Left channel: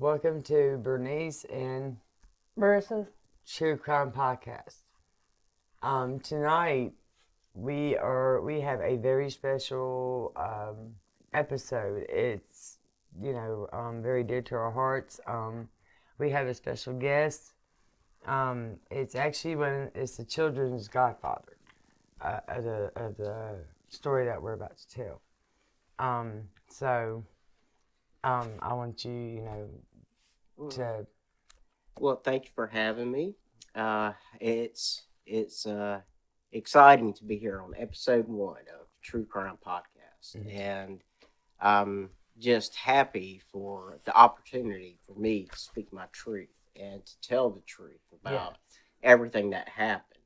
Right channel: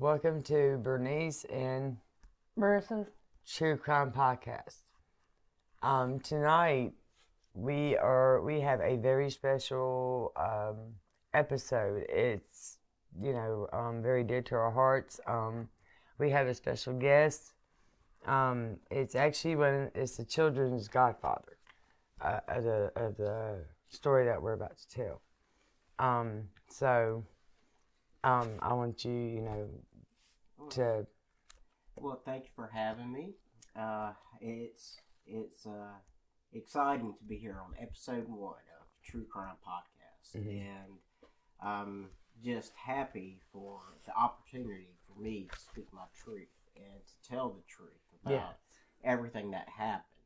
Welcome to Brunese and Marissa. True Crime Podcast. Tonight we have a very special episode. It's very dear to our hearts. We have a special guest. It's the children's godfather of the story that we're about to tell. I want to. Well, thank you for having me. It's exciting to be here on episode 1 of True Crime Podcast, and I'm just happy for the opportunity for me to speak my truth and to tell the truth about everything that happened.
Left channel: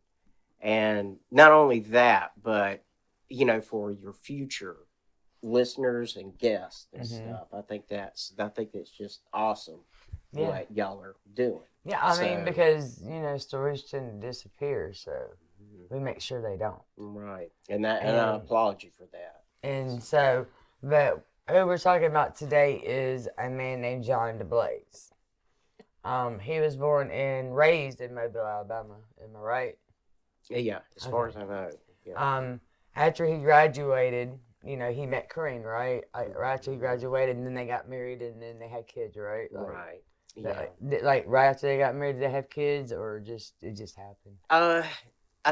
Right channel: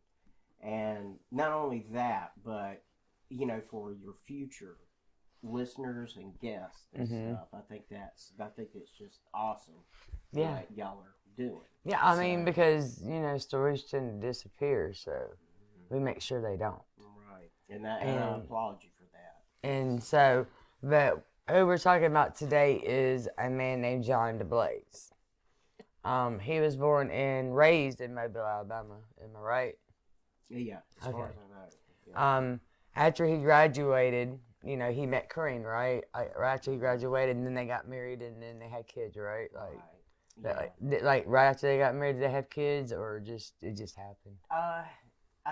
And not only that, but for your future listeners and guests and stuff, I think it's just awesome what y'all are doing. Yeah, I mean, because, stories tend to disappear, so we make sure they don't. Right. And I applaud you for that. And so, but who we're talking about today is a man named John DeBlase. He was born and raised in Mobile, Alabama. Am I right? Yeah, as far as I know. Yeah. After he graduated, he met Creighton, right? Right after he graduated, and then they got married, and then they had kids, right? Right. Right after they got married, did they have kids, or it just happened? I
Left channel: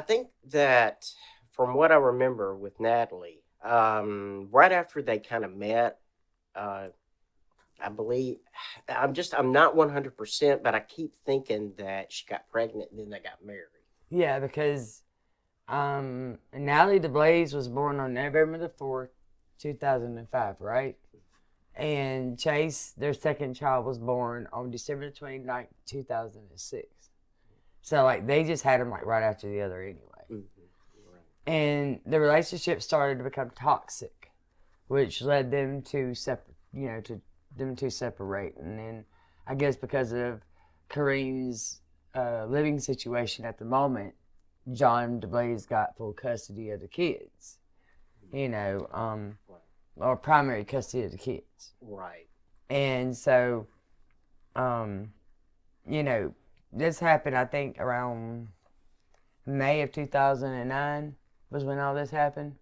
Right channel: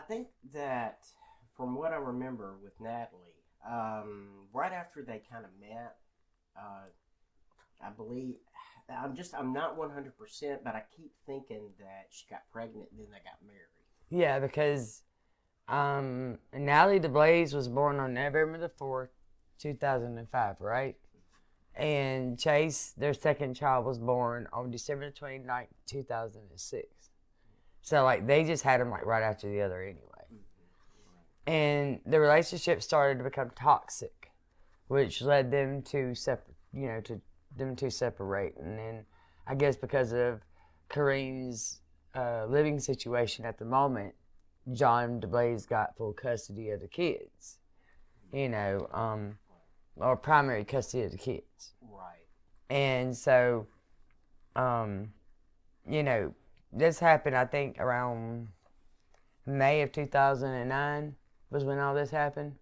think that from what I remember with Natalie, right after they kind of met, I believe I'm not 100%, but I keep thinking that she got pregnant and then they got married. Yeah, because Natalie DeBlase was born on November the 4th, 2005, right? And Chase, their second child, was born on December 29th, 2006. So, they just had them, right after the other anyway. Mm-hmm. And the relationship started to become toxic, which led them to separate. And then, I guess because of Kareem's living situation at the moment, John DeBlase got full custody of the kids, or primary custody of the kids. Right. And so, this happened, I think, around May of 2009 was when all this happened.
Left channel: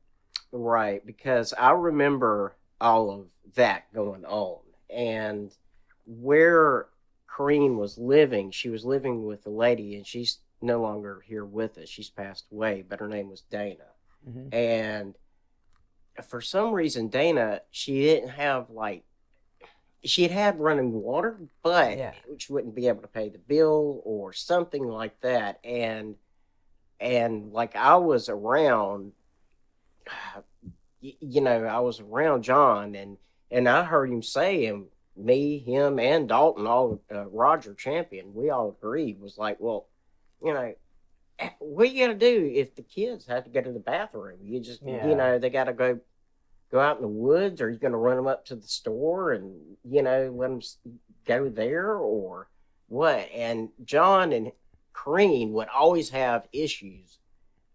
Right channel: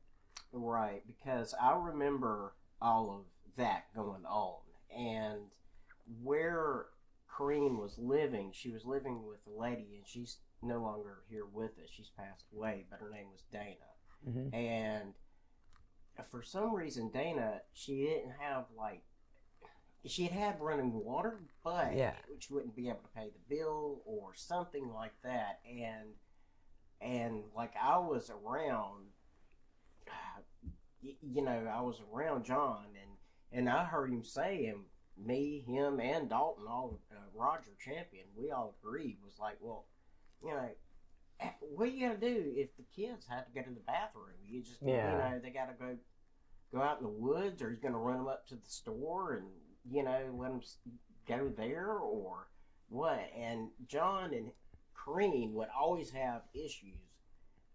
Right, because I remember all of that going on. And where Kareem was living, she was living with a lady, and she's no longer here with us. She's passed away, but her name was Dana. Mm-hmm. And for some reason, Dana, she didn't have she had running water, but she wouldn't be able to pay the bill or something like that. And I was around, I was around John, and I heard him say, and me, him, and Dalton, Roger Champion, we all agreed, was like, well, what you got to do if the kids have to go to the bathroom? You just, they got to go out in the woods, or you're going to run them up to the store and, let them go there, or what? And John and Kareem would always have issues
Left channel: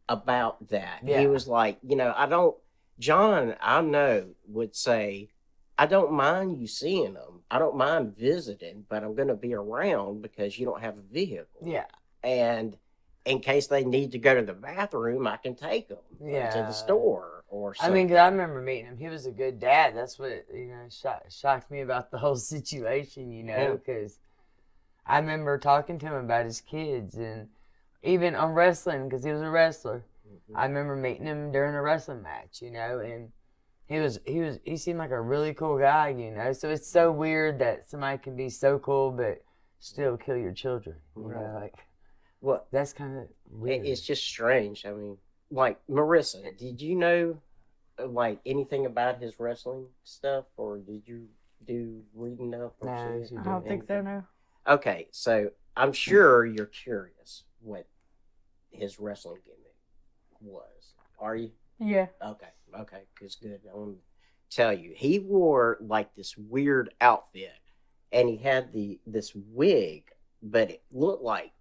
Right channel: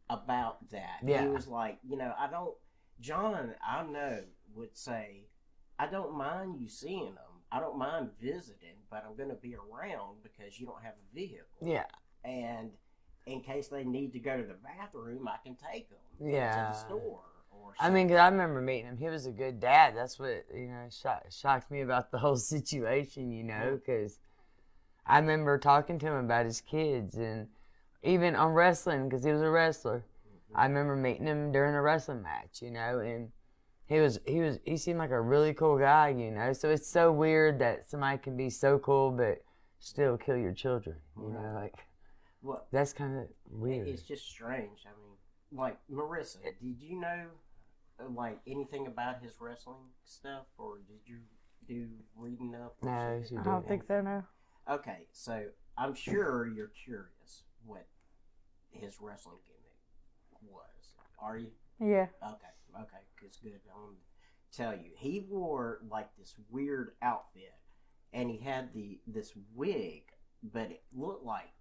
about that. Yeah. He was like, John, I know, would say, I don't mind you seeing them. I don't mind visiting, but I'm going to be around because you don't have a vehicle. Yeah. And in case they need to go to the bathroom, I can take them to the store or something. I mean, 'cause I remember meeting him. He was a good dad. That's what, shocked me about the whole situation, because I remember talking to him about his kids, and even on wrestling, because he was a wrestler. Mm-hmm. I remember meeting him during a wrestling match, and he seemed like a really cool guy, So it's so weird that somebody can be so cool but still kill your children, Well, that's kind of weird. It's just strange. I mean, Marissa, did you know, anything about his wrestling stuff, or did you do reading up? No, I don't think so, no. Okay, so I'm sure you're curious what his wrestling gimmick was. Are you? Yeah. Okay, because good. I want to tell you, he wore this weird outfit, and he had this wig, but it looked like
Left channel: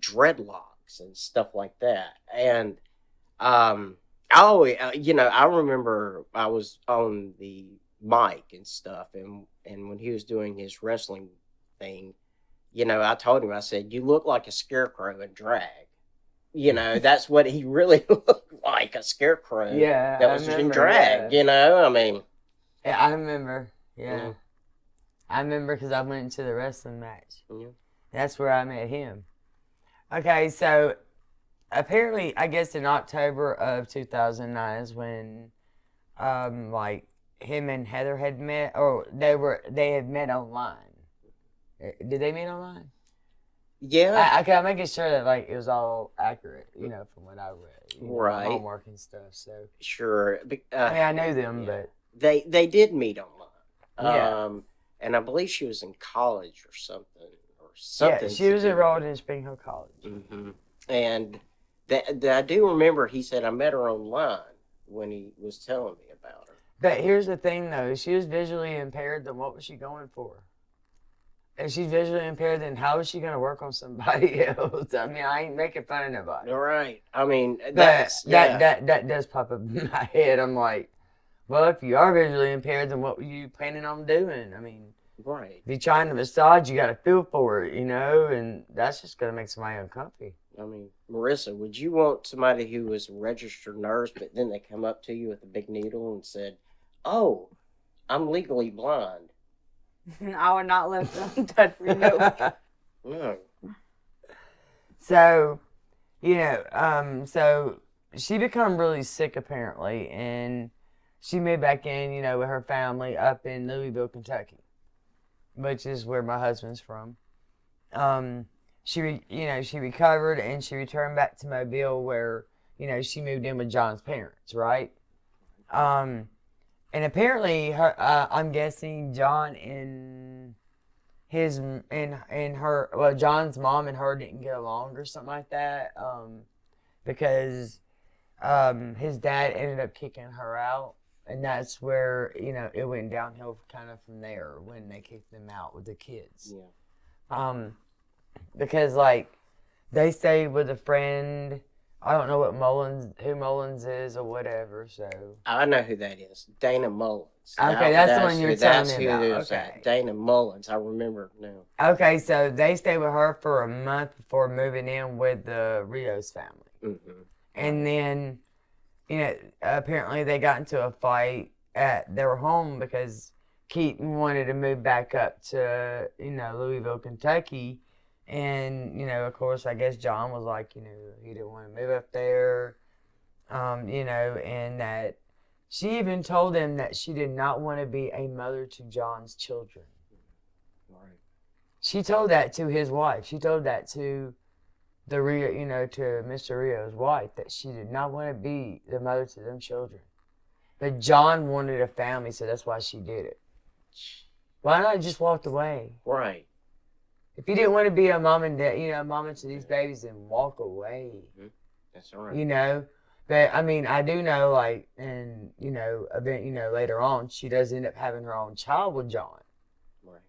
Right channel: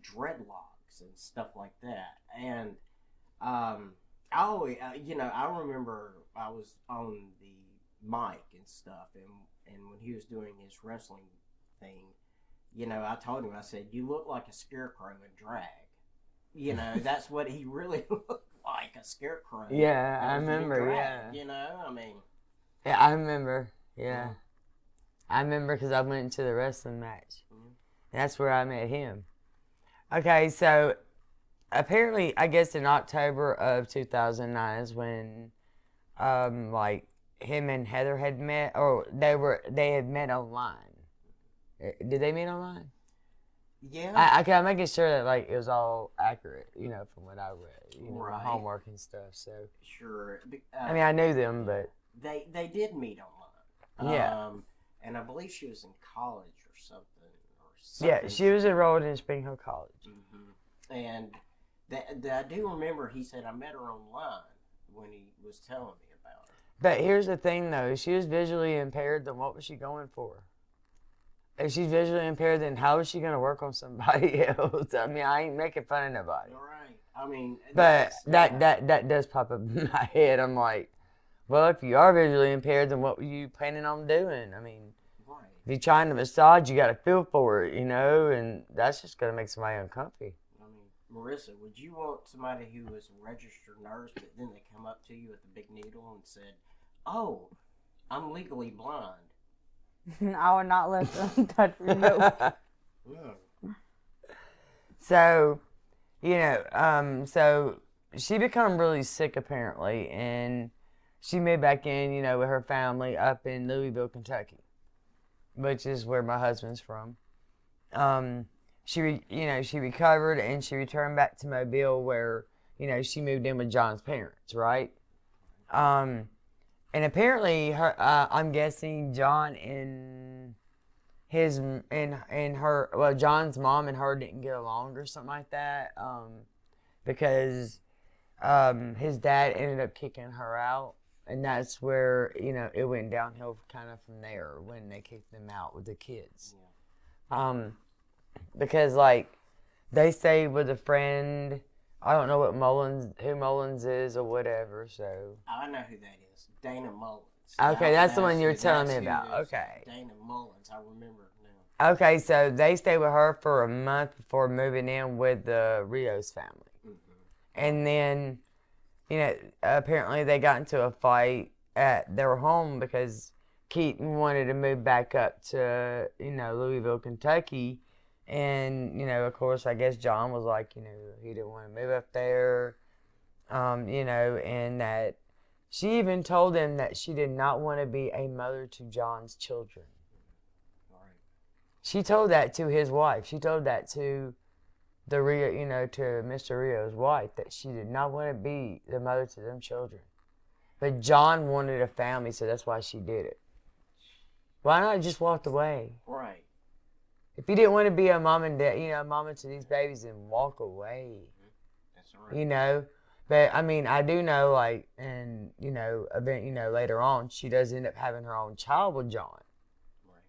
dreadlocks and stuff like that. And I always, I remember I was on the Mike and stuff, and when he was doing his wrestling thing, you know, I told him, I said, "You look like a scarecrow in drag." You know, that's what he really looked like, a scarecrow. Yeah, that I was remember. in drag. Yeah. You know, I mean. Yeah, I remember. Yeah. Yeah. I remember because I went to the wrestling match. Yeah. That's where I met him. Okay, so apparently, I guess in October of 2009 is when, like, him and Heather had met, or they had met online. Did they meet online? Yeah. I'm making sure that like it was all accurate, you know, from what I read, you know, my Right. homework and stuff. So Sure. I mean, I knew them, but They did meet online. Yeah. And I believe she was in college or something. yeah, she was enrolled in Spring Hill College. Mm-hmm. And I do remember he said, I met her online when he was telling me about her. But here's the thing, though: if she was visually impaired, then what was she going for? If she's visually impaired, then how is she going to work on somebody else? I mean, I ain't making fun of nobody. All right. I mean, But that does pop up in my head. I'm like, well, if you are visually impaired, then what were you planning on doing? I mean, right. if you're trying to massage, you got to feel for it, you know, and that's just going to make somebody uncomfy. I mean, Marissa, would you want somebody who was a registered nurse, but then they come up to you with a big needle and said, "Oh, I'm legally blind"? I would not let them touch me. No. No. So, you know, so she become really sick apparently, and she moved back in, you know, with her family up in Louisville, Kentucky, which is where my husband's from. She recovered and she returned back to Mobile, where, you know, she moved in with John's parents, right? And apparently, I'm guessing John and John's mom and her didn't get along or something like that, because his dad ended up kicking her out, and that's where, you know, it went downhill kind of from there when they kicked them out with the kids. Yeah. Because like they stayed with a friend. I don't know who Mullins is or whatever, so. I know who that is. Dana Mullins. Okay, that's the one you're telling me about. That's Okay. Dana Mullins. I remember now. Okay, so they stayed with her for a month before moving in with the Rios family. Mm-hmm. And then, you know, apparently they got into a fight at their home because Keaton wanted to move back up to, you know, Louisville, Kentucky. And, you know, of course, I guess John was like, you know, he didn't want to move up there, you know, and that she even told him that she did not want to be a mother to John's children. Right. She told that to his wife. She told that to to Mr. Rio's wife, that she did not want to be the mother to them children. But John wanted a family, so that's why she did it. Why not just walked away? Right. If you didn't want to be a mom and dad, you know, mama to these babies, then walk away. Mm-hmm. That's right. You know, but I mean, I do know, like, and you know, later on, she does end up having her own child with John. Right.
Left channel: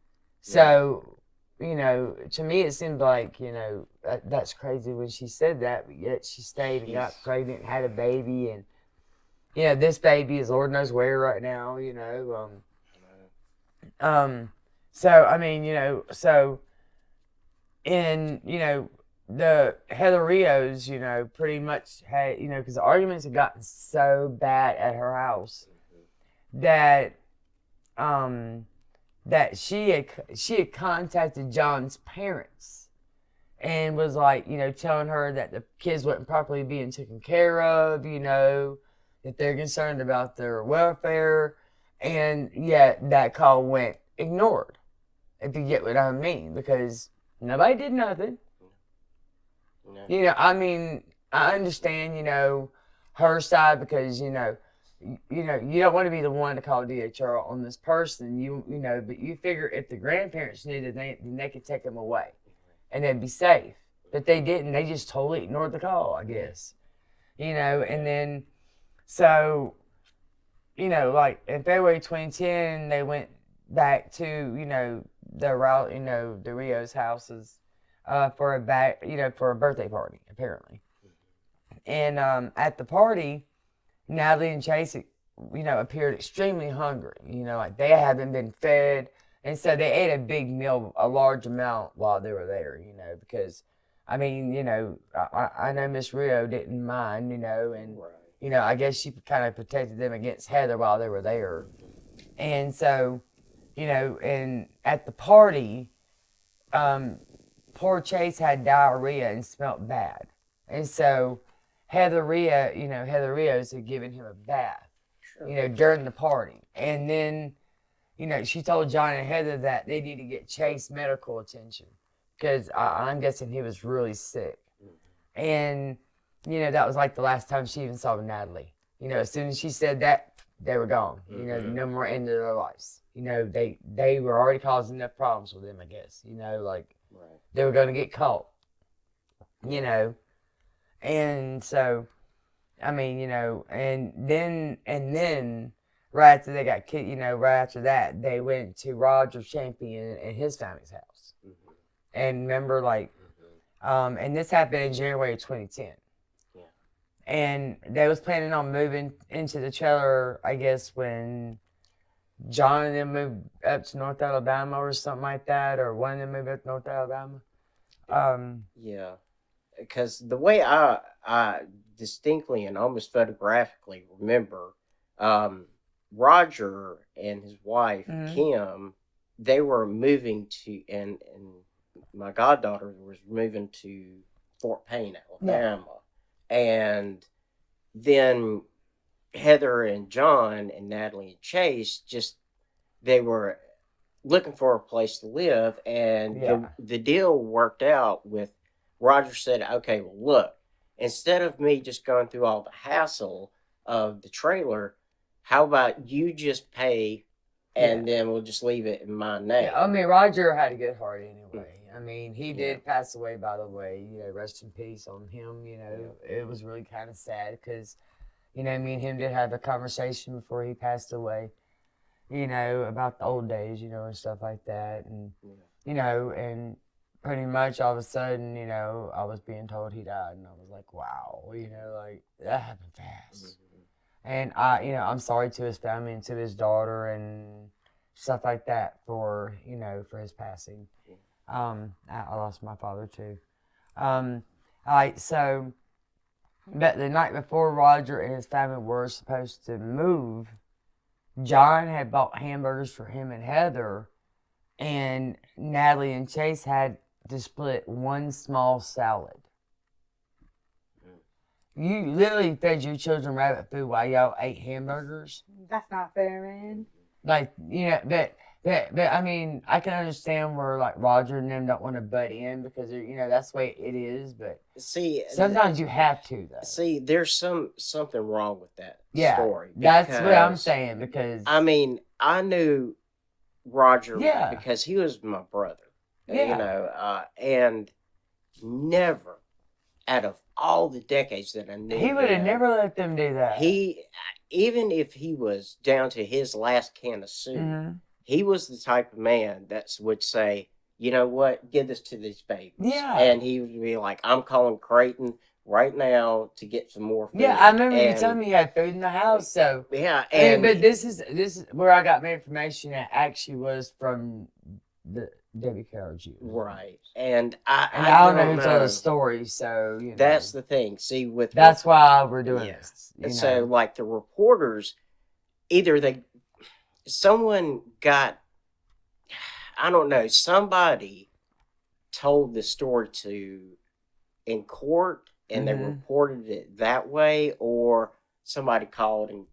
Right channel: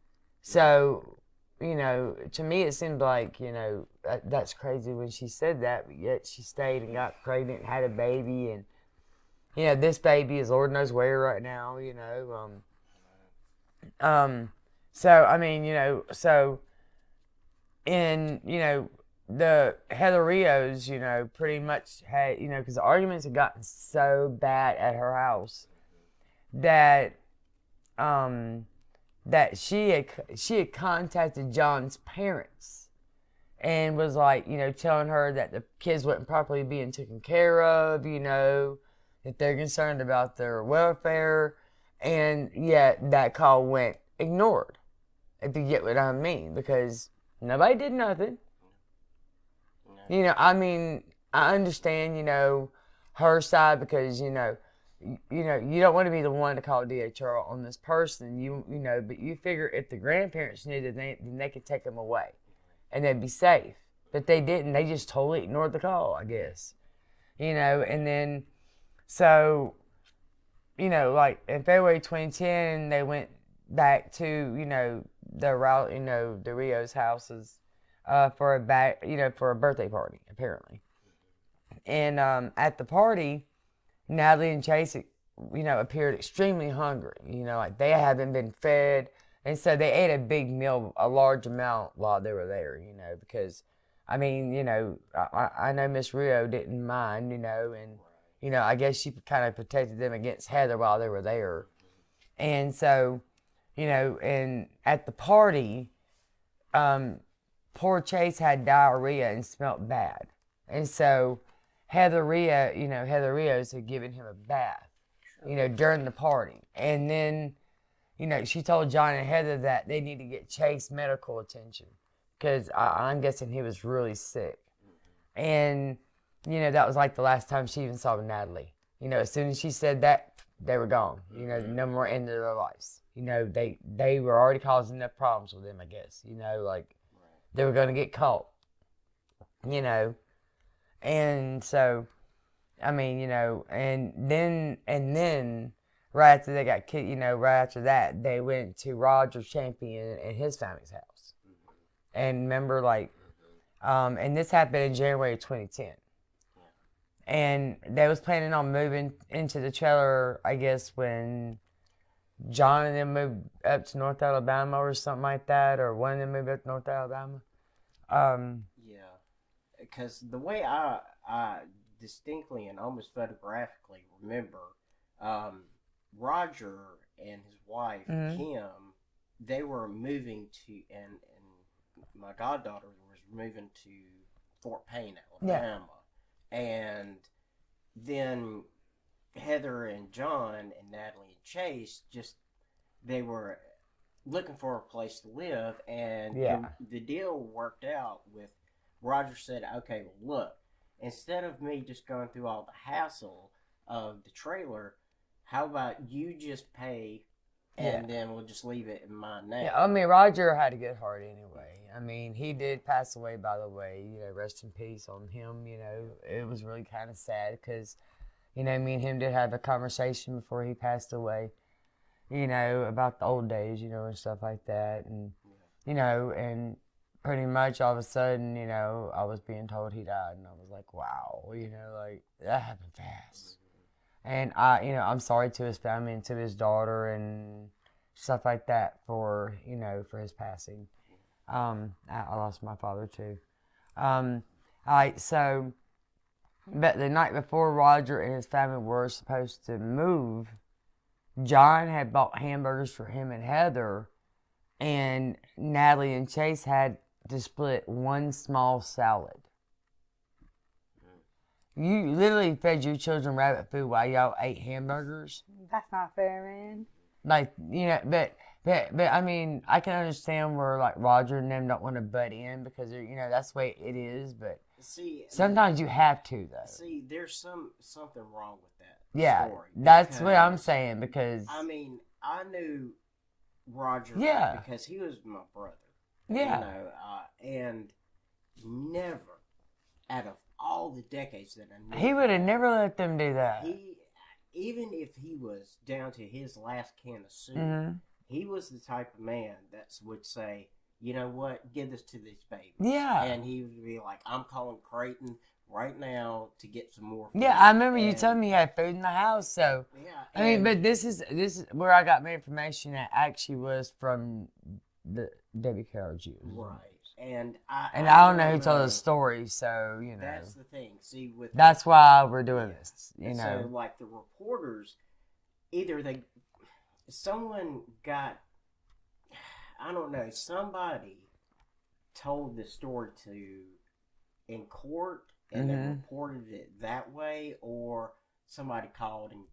So, you know, to me, it seemed like, you know, that's crazy when she said that, but yet she stayed and got pregnant and had a baby, and you know, this baby is Lord knows where right now. You know, So I mean, you know, so. And, you know, the Heather Rios, you know, pretty much had, you know, because the arguments had gotten so bad at her house that she had contacted John's parents and was like, you know, telling her that the kids wasn't properly being taken care of, you know, that they're concerned about their welfare, and yet that call went ignored, if you get what I mean, because nobody did nothing. No. You know, I mean, I understand, you know, her side, because, you know, you don't want to be the one to call DHR on this person, you know, but you figure if the grandparents knew that then they could take them away and they'd be safe. But they didn't. They just totally ignored the call, I guess. You know, and then, so, you know, like in February 2010, they went back to, you know, the Rio's houses for a birthday party, apparently. And at the party, Natalie and Chase appeared extremely hungry. Like they haven't been fed. And so they ate a big meal, a large amount while they were there, because, I know Miss Rio didn't mind, and, I guess she kind of protected them against Heather while they were there. And so, and at the party, poor Chase had diarrhea and smelled bad. And so Heather Rios had given him a bath, during the party. And then, she told John and Heather that they need to get Chase medical attention because I'm guessing he was really sick. And, that was like the last time she even saw Natalie. As soon as she said that, they were gone. No more end of their lives. They were already causing enough problems with them, I guess. They were going to get caught. And so, and then right after they got kicked, right after that, they went to Roger Champion and his family's house. And remember, and this happened in January of 2010. And they was planning on moving into the trailer, I guess, when John and them moved up to North Alabama or something like that, or one of them moved up to North Alabama. Yeah, because the way I distinctly and almost photographically remember, Roger and his wife, Kim, they were moving to, and my goddaughter was moving to Fort Payne, Alabama. Yeah. And then Heather and John and Natalie and Chase they were looking for a place to live. And the deal worked out with Roger said, okay, well, look, instead of me just going through all the hassle of the trailer, how about you just pay and then we'll just leave it in my name? Yeah, Roger had a good heart anyway. He did pass away, by the way. Rest in peace on him. It was really kind of sad because, me and him did have a conversation before he passed away, about the old days, and stuff like that. And, and pretty much all of a sudden, I was being told he died. And I was like, wow, that happened fast. And I'm sorry to his family and to his daughter and stuff like that for his passing. I lost my father too. But the night before Roger and his family were supposed to move, John had bought hamburgers for him and Heather, and Natalie and Chase had to split one small salad. You literally fed your children rabbit food while y'all ate hamburgers. That's not fair, man. But I can understand where Roger and them don't want to butt in because that's the way it is. But sometimes you have to though. See, there's something wrong with that story. That's what I'm saying because I knew Roger because he was my brother. And never out of all the decades that I knew, he would have never let them do that. Even if he was down to his last can of soup, he was the type of man that would say, you know what, give this to these babies. Yeah. And he would be like, I'm calling Creighton right now to get some more food. Yeah, I remember you telling me you had food in the house. So yeah, but this is where I got my information that actually was from the WKRG. Right. And I don't know who told the story, so that's the thing. See, that's why we're doing this. So the reporters, someone got, I don't know, somebody told the story in court and they reported it that way, or somebody called and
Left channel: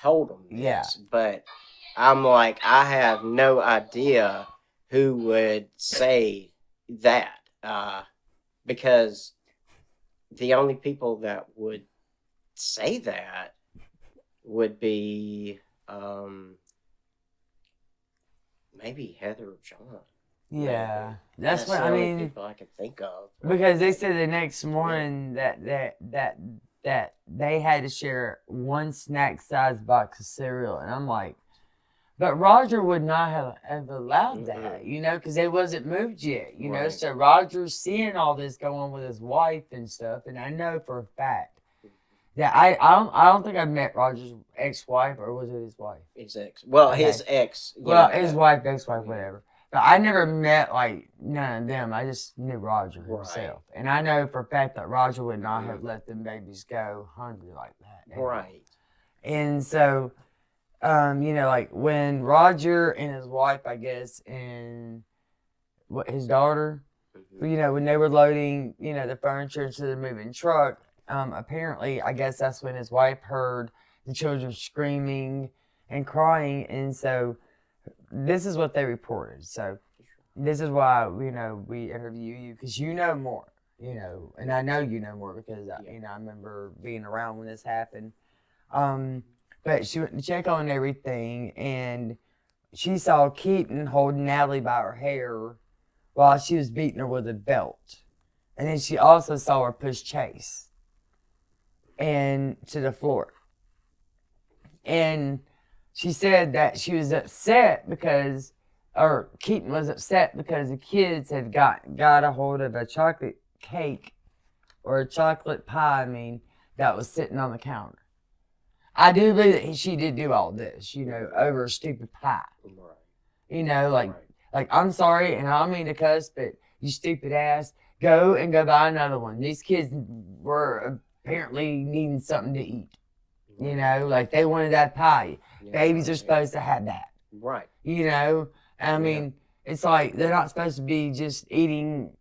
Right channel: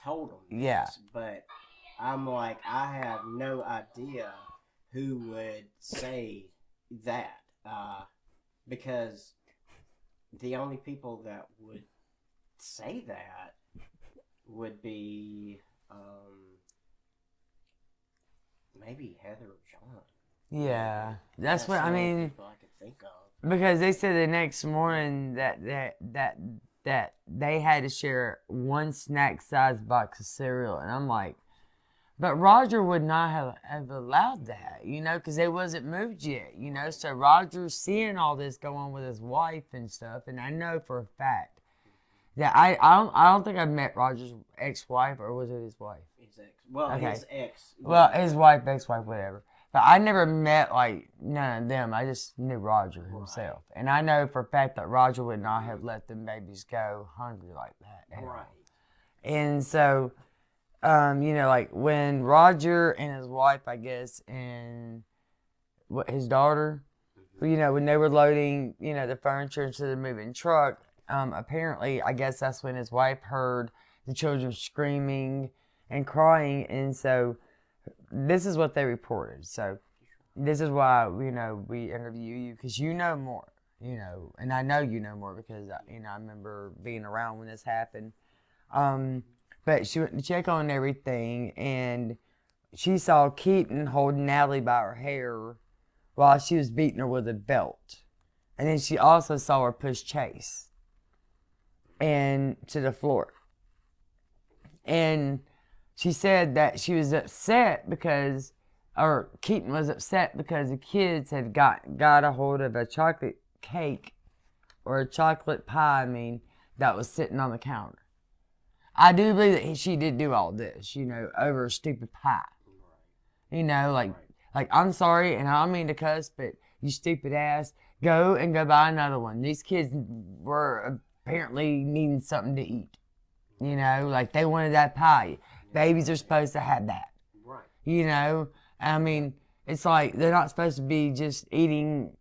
told them this. Yeah. But I'm like, I have no idea who would say that, because the only people that would say that would be maybe Heather or John. Yeah, that's what I mean. People I can think of, because they said the next morning that they had to share one snack-sized box of cereal, and I'm like, but Roger would not have allowed that, because they wasn't moved yet, Right. So Roger's seeing all this going on with his wife and stuff, and I know for a fact Yeah, I don't think I've met Roger's ex-wife, or was it his wife? His ex. Well, Okay. his ex. Well, his wife, ex-wife, whatever. But I never met like none of them. I just knew Roger himself, and I know for a fact that Roger would not have let them babies go hungry like that. Right. And so, like when Roger and his wife, I guess, and his daughter, when they were loading, the furniture into the moving truck, apparently, I guess that's when his wife heard the children screaming and crying, and so this is what they reported. So this is why, we interview you, because you know more, and I know you know more because, I remember being around when this happened. But she went to check on everything, and she saw Keaton holding Natalie by her hair while she was beating her with a belt. And then she also saw her push Chase and to the floor. And she said that she was upset because, or Keaton was upset because the kids had got a hold of a chocolate cake, or a chocolate pie, that was sitting on the counter. I do believe that she did do all this, over a stupid pie. Like, I'm sorry, and I don't mean to cuss, but you stupid ass, go buy another one. These kids were apparently needing something to eat. Like they wanted that pie. Yeah. Babies are supposed to have that. Right. It's like they're not supposed to be just eating,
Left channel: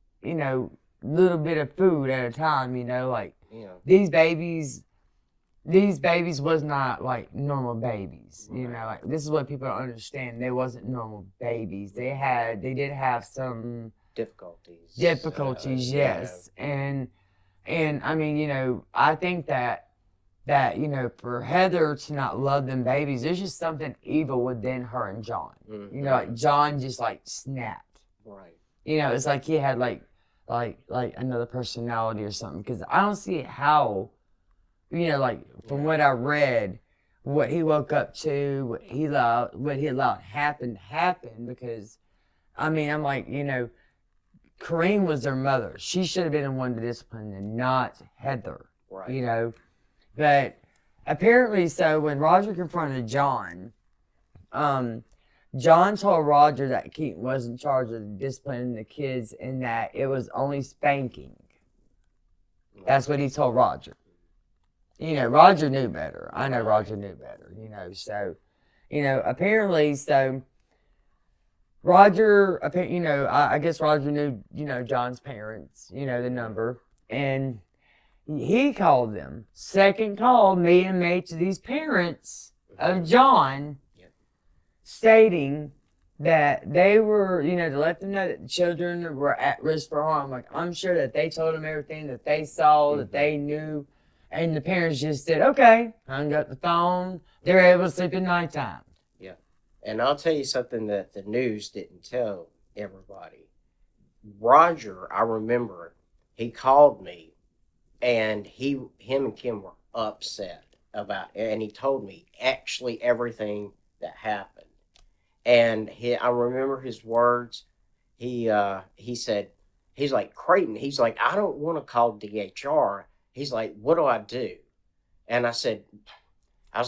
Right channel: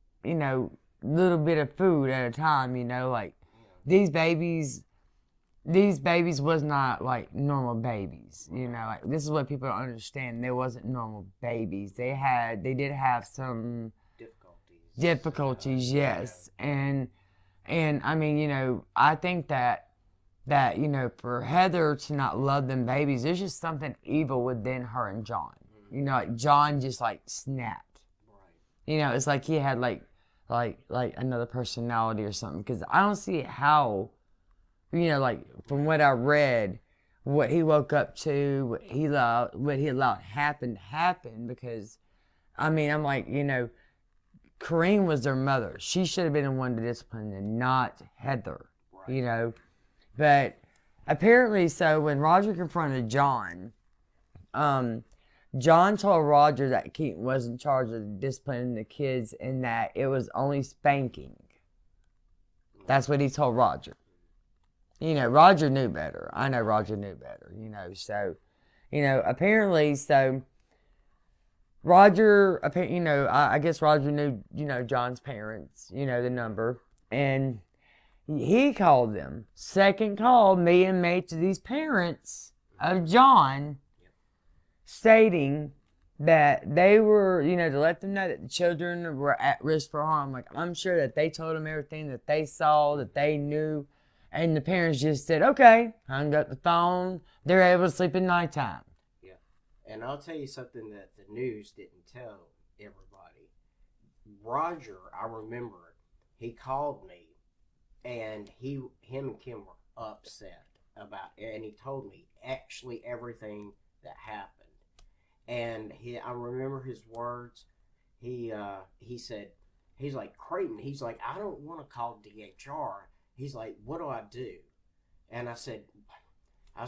little bit of food at a time, like these babies was not like normal babies, like this is what people don't understand. They wasn't normal babies. They did have some difficulties, yes. And I think that for Heather to not love them babies, there's just something evil within her and John. Like John just like snapped. Right. It's like he had like another personality or something, because I don't see how, like from what I read, what he woke up to, what he allowed happen, because I'm like, Kareem was their mother. She should have been the one to discipline them, not Heather. Right. But apparently, so when Roger confronted John, John told Roger that Keaton was in charge of disciplining the kids and that it was only spanking. That's what he told Roger. Roger knew better. I know Roger knew better, so, apparently, so Roger, I guess Roger knew, John's parents, the number, and he called them. Second call, made to these parents of John, stating that they were, to let them know that the children were at risk for harm. Like, I'm sure that they told them everything that they saw, that they knew, and the parents just said, okay, hung up the phone. They were able to sleep at nighttime. Yeah. And I'll tell you something that the news didn't tell everybody. Roger, I remember, he called me, and him and Kim were upset about it, and he told me actually everything that happened. And I remember his words. He said, he's like, Creighton, he's like, I don't want to call DHR. He's like, what do I do? And I was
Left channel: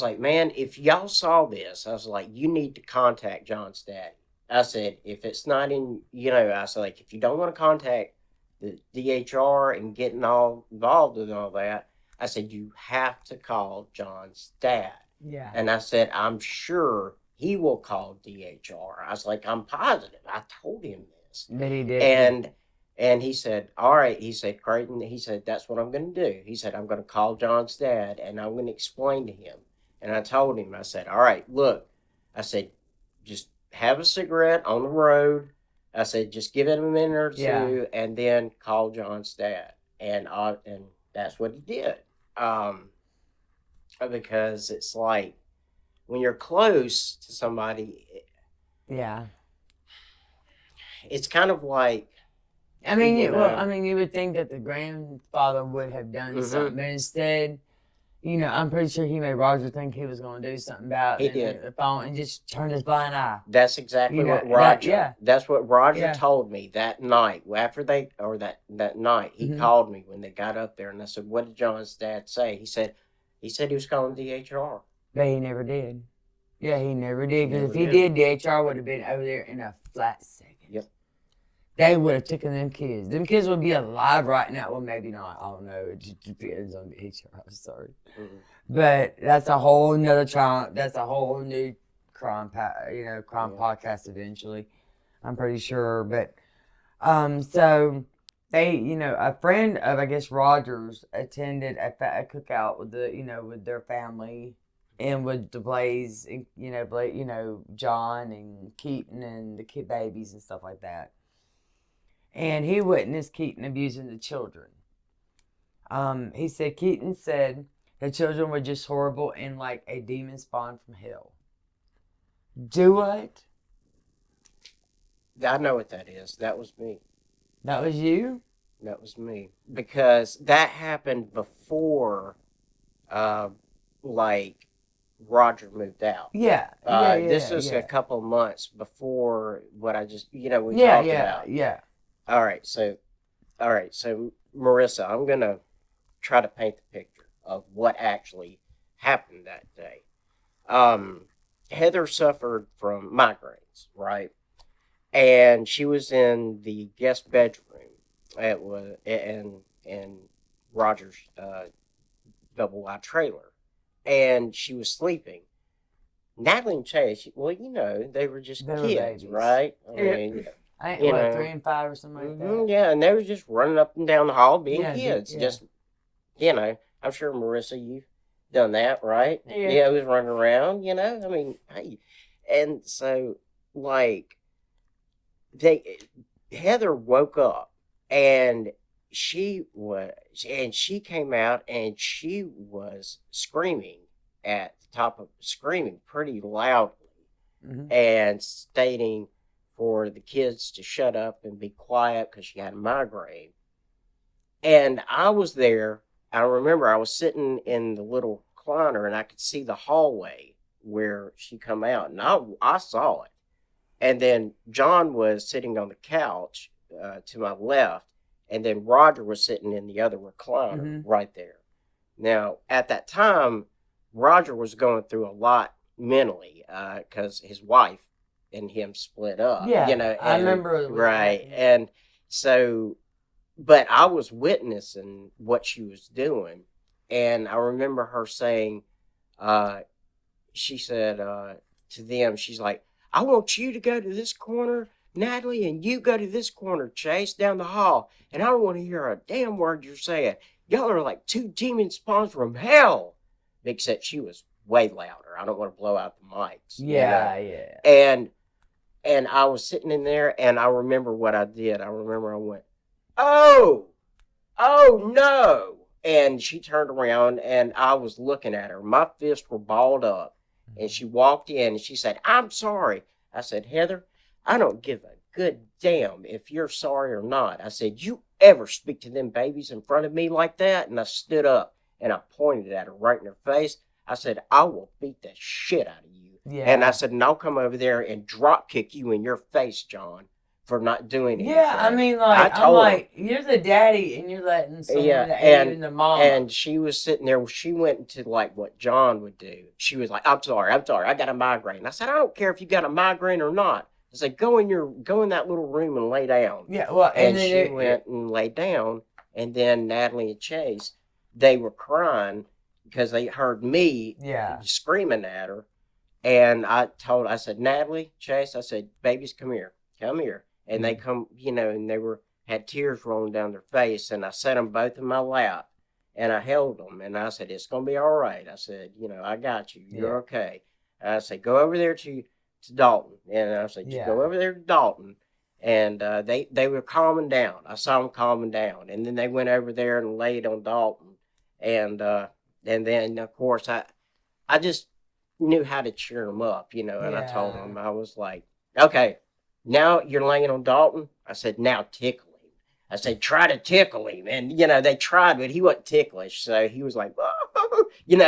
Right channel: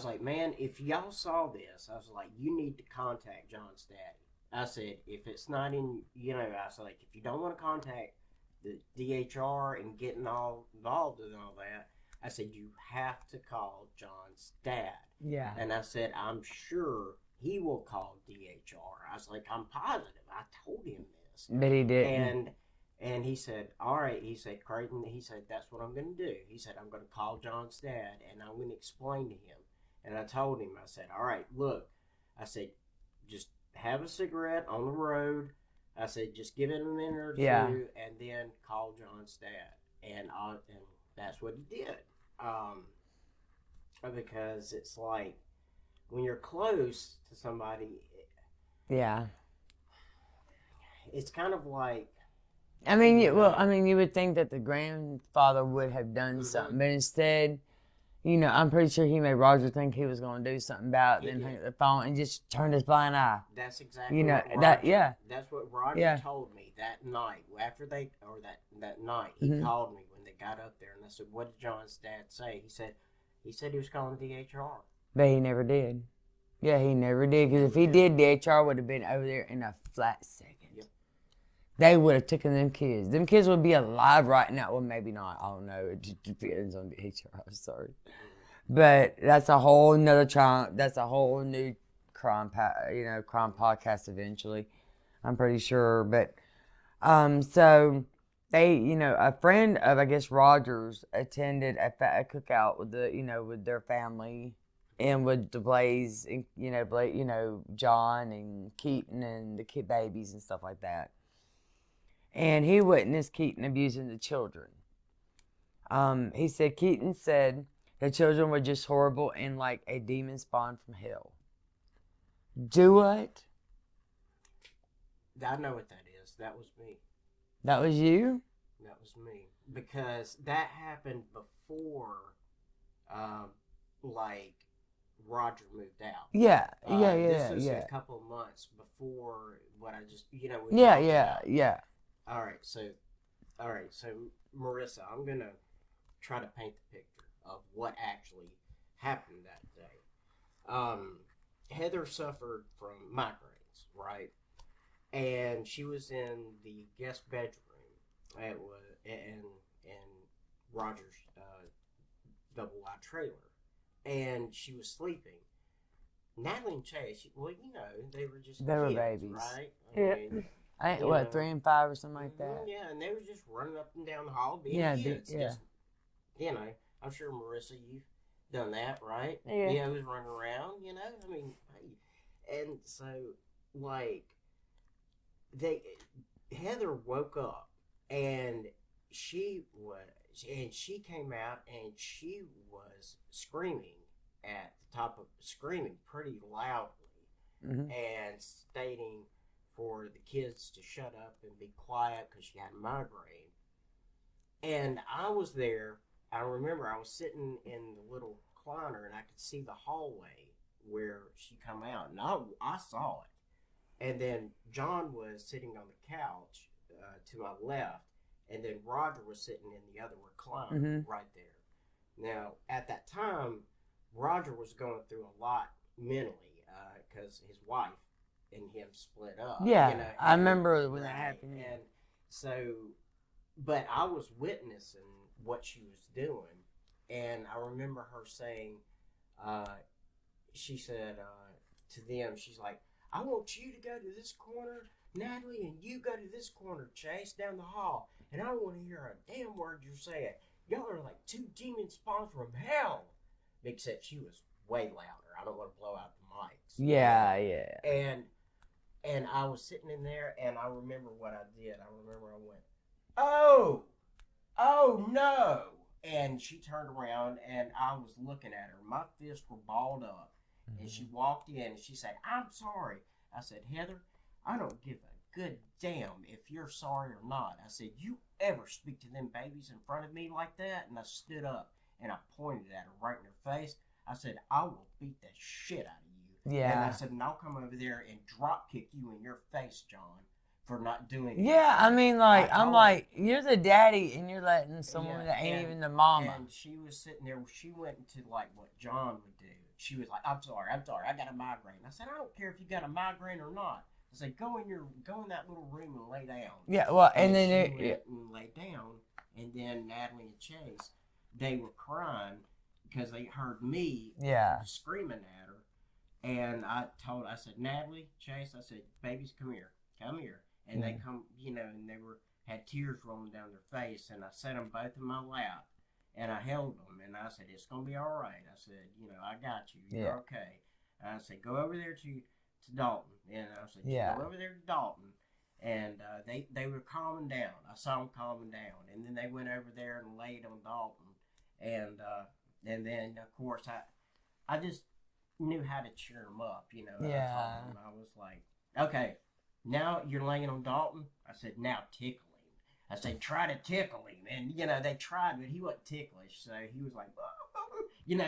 like, man, if y'all saw this, I was like, you need to contact John's daddy. I said, if it's not in, I said, like, if you don't want to contact the DHR and getting all involved in all that, I said, you have to call John's dad. Yeah. And I said, I'm sure he will call DHR. I was like, I'm positive. I told him this. But he did. And he said, all right. He said, Creighton, he said, that's what I'm going to do. He said, I'm going to call John's dad, and I'm going to explain to him. And I told him, I said, all right, look. I said, just have a cigarette on the road. I said, just give it a minute or two, and then call John's dad. And that's what he did. Because it's like, when you're close to somebody, it's kind of like, you would think that the grandfather would have done something, but instead, I'm pretty sure he made Roger think he was going to do something about the phone and just turned his blind eye. That's exactly what Roger. That's what Roger told me that night. After that night, he called me when they got up there, and I said, "What did John's dad say?" He said, He said he was calling DHR. But he never did. Yeah, he never did. Because if he did, DHR would have been over there in a flat second. Yep. They would have taken them kids. Them kids would be alive right now. Well, maybe not. I don't know. It just depends on DHR. I'm sorry. Mm-hmm. But that's a whole nother trial. That's a whole new crime podcast eventually. I'm pretty sure. But, so they, a friend of, I guess, Rogers attended a cookout with with their family and with DeBlase and, John and Keaton and the kid babies and stuff like that. And he witnessed Keaton abusing the children. He said, Keaton said the children were just horrible and like a demon spawned from hell. Do what? I know what that is. That was me. That was you? That was me. Because that happened before, Roger moved out. Yeah. This was a couple of months before what I just, we talked about. Yeah. All right, so Marissa, I'm going to try to paint the picture of what actually happened that day. Heather suffered from migraines, right? And she was in the guest bedroom. It was in Roger's double wide trailer, and she was sleeping. Natalie and Chase, well, they were just kids, right? I mean, I think, 3 and 5 or something like that? Yeah, and they were just running up and down the hall being kids. Yeah. Just, I'm sure, Marissa, you've done that, right? Yeah. Yeah, was running around, I mean, hey. And so, Heather woke up, and she came out, and she was screaming screaming pretty loudly, and stating for the kids to shut up and be quiet because she had a migraine. And I was there. I remember I was sitting in the little recliner, and I could see the hallway where she come out, and I saw it. And then John was sitting on the couch to my left, and then Roger was sitting in the other recliner right there. Now, at that time, Roger was going through a lot mentally because his wife and him split up. Yeah, I remember. Right, and so, but I was witnessing what she was doing, and I remember her saying, she said to them, she's like, I want you to go to this corner, Natalie, and you go to this corner, Chase, down the hall, and I don't want to hear a damn word you're saying. Y'all are like 2 demon spawns from hell. Except she was way louder. I don't want to blow out the mics. Yeah. And I was sitting in there, and I remember what I did. I remember I went, oh no. And she turned around, and I was looking at her. My fists were balled up. And she walked in, and she said, I'm sorry. I said, Heather, I don't give a good damn if you're sorry or not. I said, you ever speak to them babies in front of me like that? And I stood up, and I pointed at her right in her face. I said, I will beat the shit out of you. Yeah. And I said, and I'll come over there and drop kick you in your face, John, for not doing anything. Yeah, I mean, I'm like, you're the daddy, and you're letting someone that ain't even the mom. And she was sitting there. She went into like what John would do. She was like, I'm sorry, I got a migraine. I said, I don't care if you got a migraine or not. I said, go in that little room and lay down. Yeah, well, and then she went and laid down, and then Natalie and Chase, they were crying because they heard me screaming at her. And I said, Natalie, Chase, I said, babies, come here. And they come, and they had tears rolling down their face. And I set them both in my lap, and I held them. And I said, it's going to be all right. I said, I got you. You're okay. And I said, go over there to Dalton. And I said, go over there to Dalton. And they were calming down. I saw them calming down. And then they went over there and laid on Dalton. And then, of course, I just knew how to cheer them up, and I told them, I was like, okay, now you're laying on Dalton. I said, now tickle him. I said, try to tickle him. And, they tried, but he wasn't ticklish. So he was like, oh,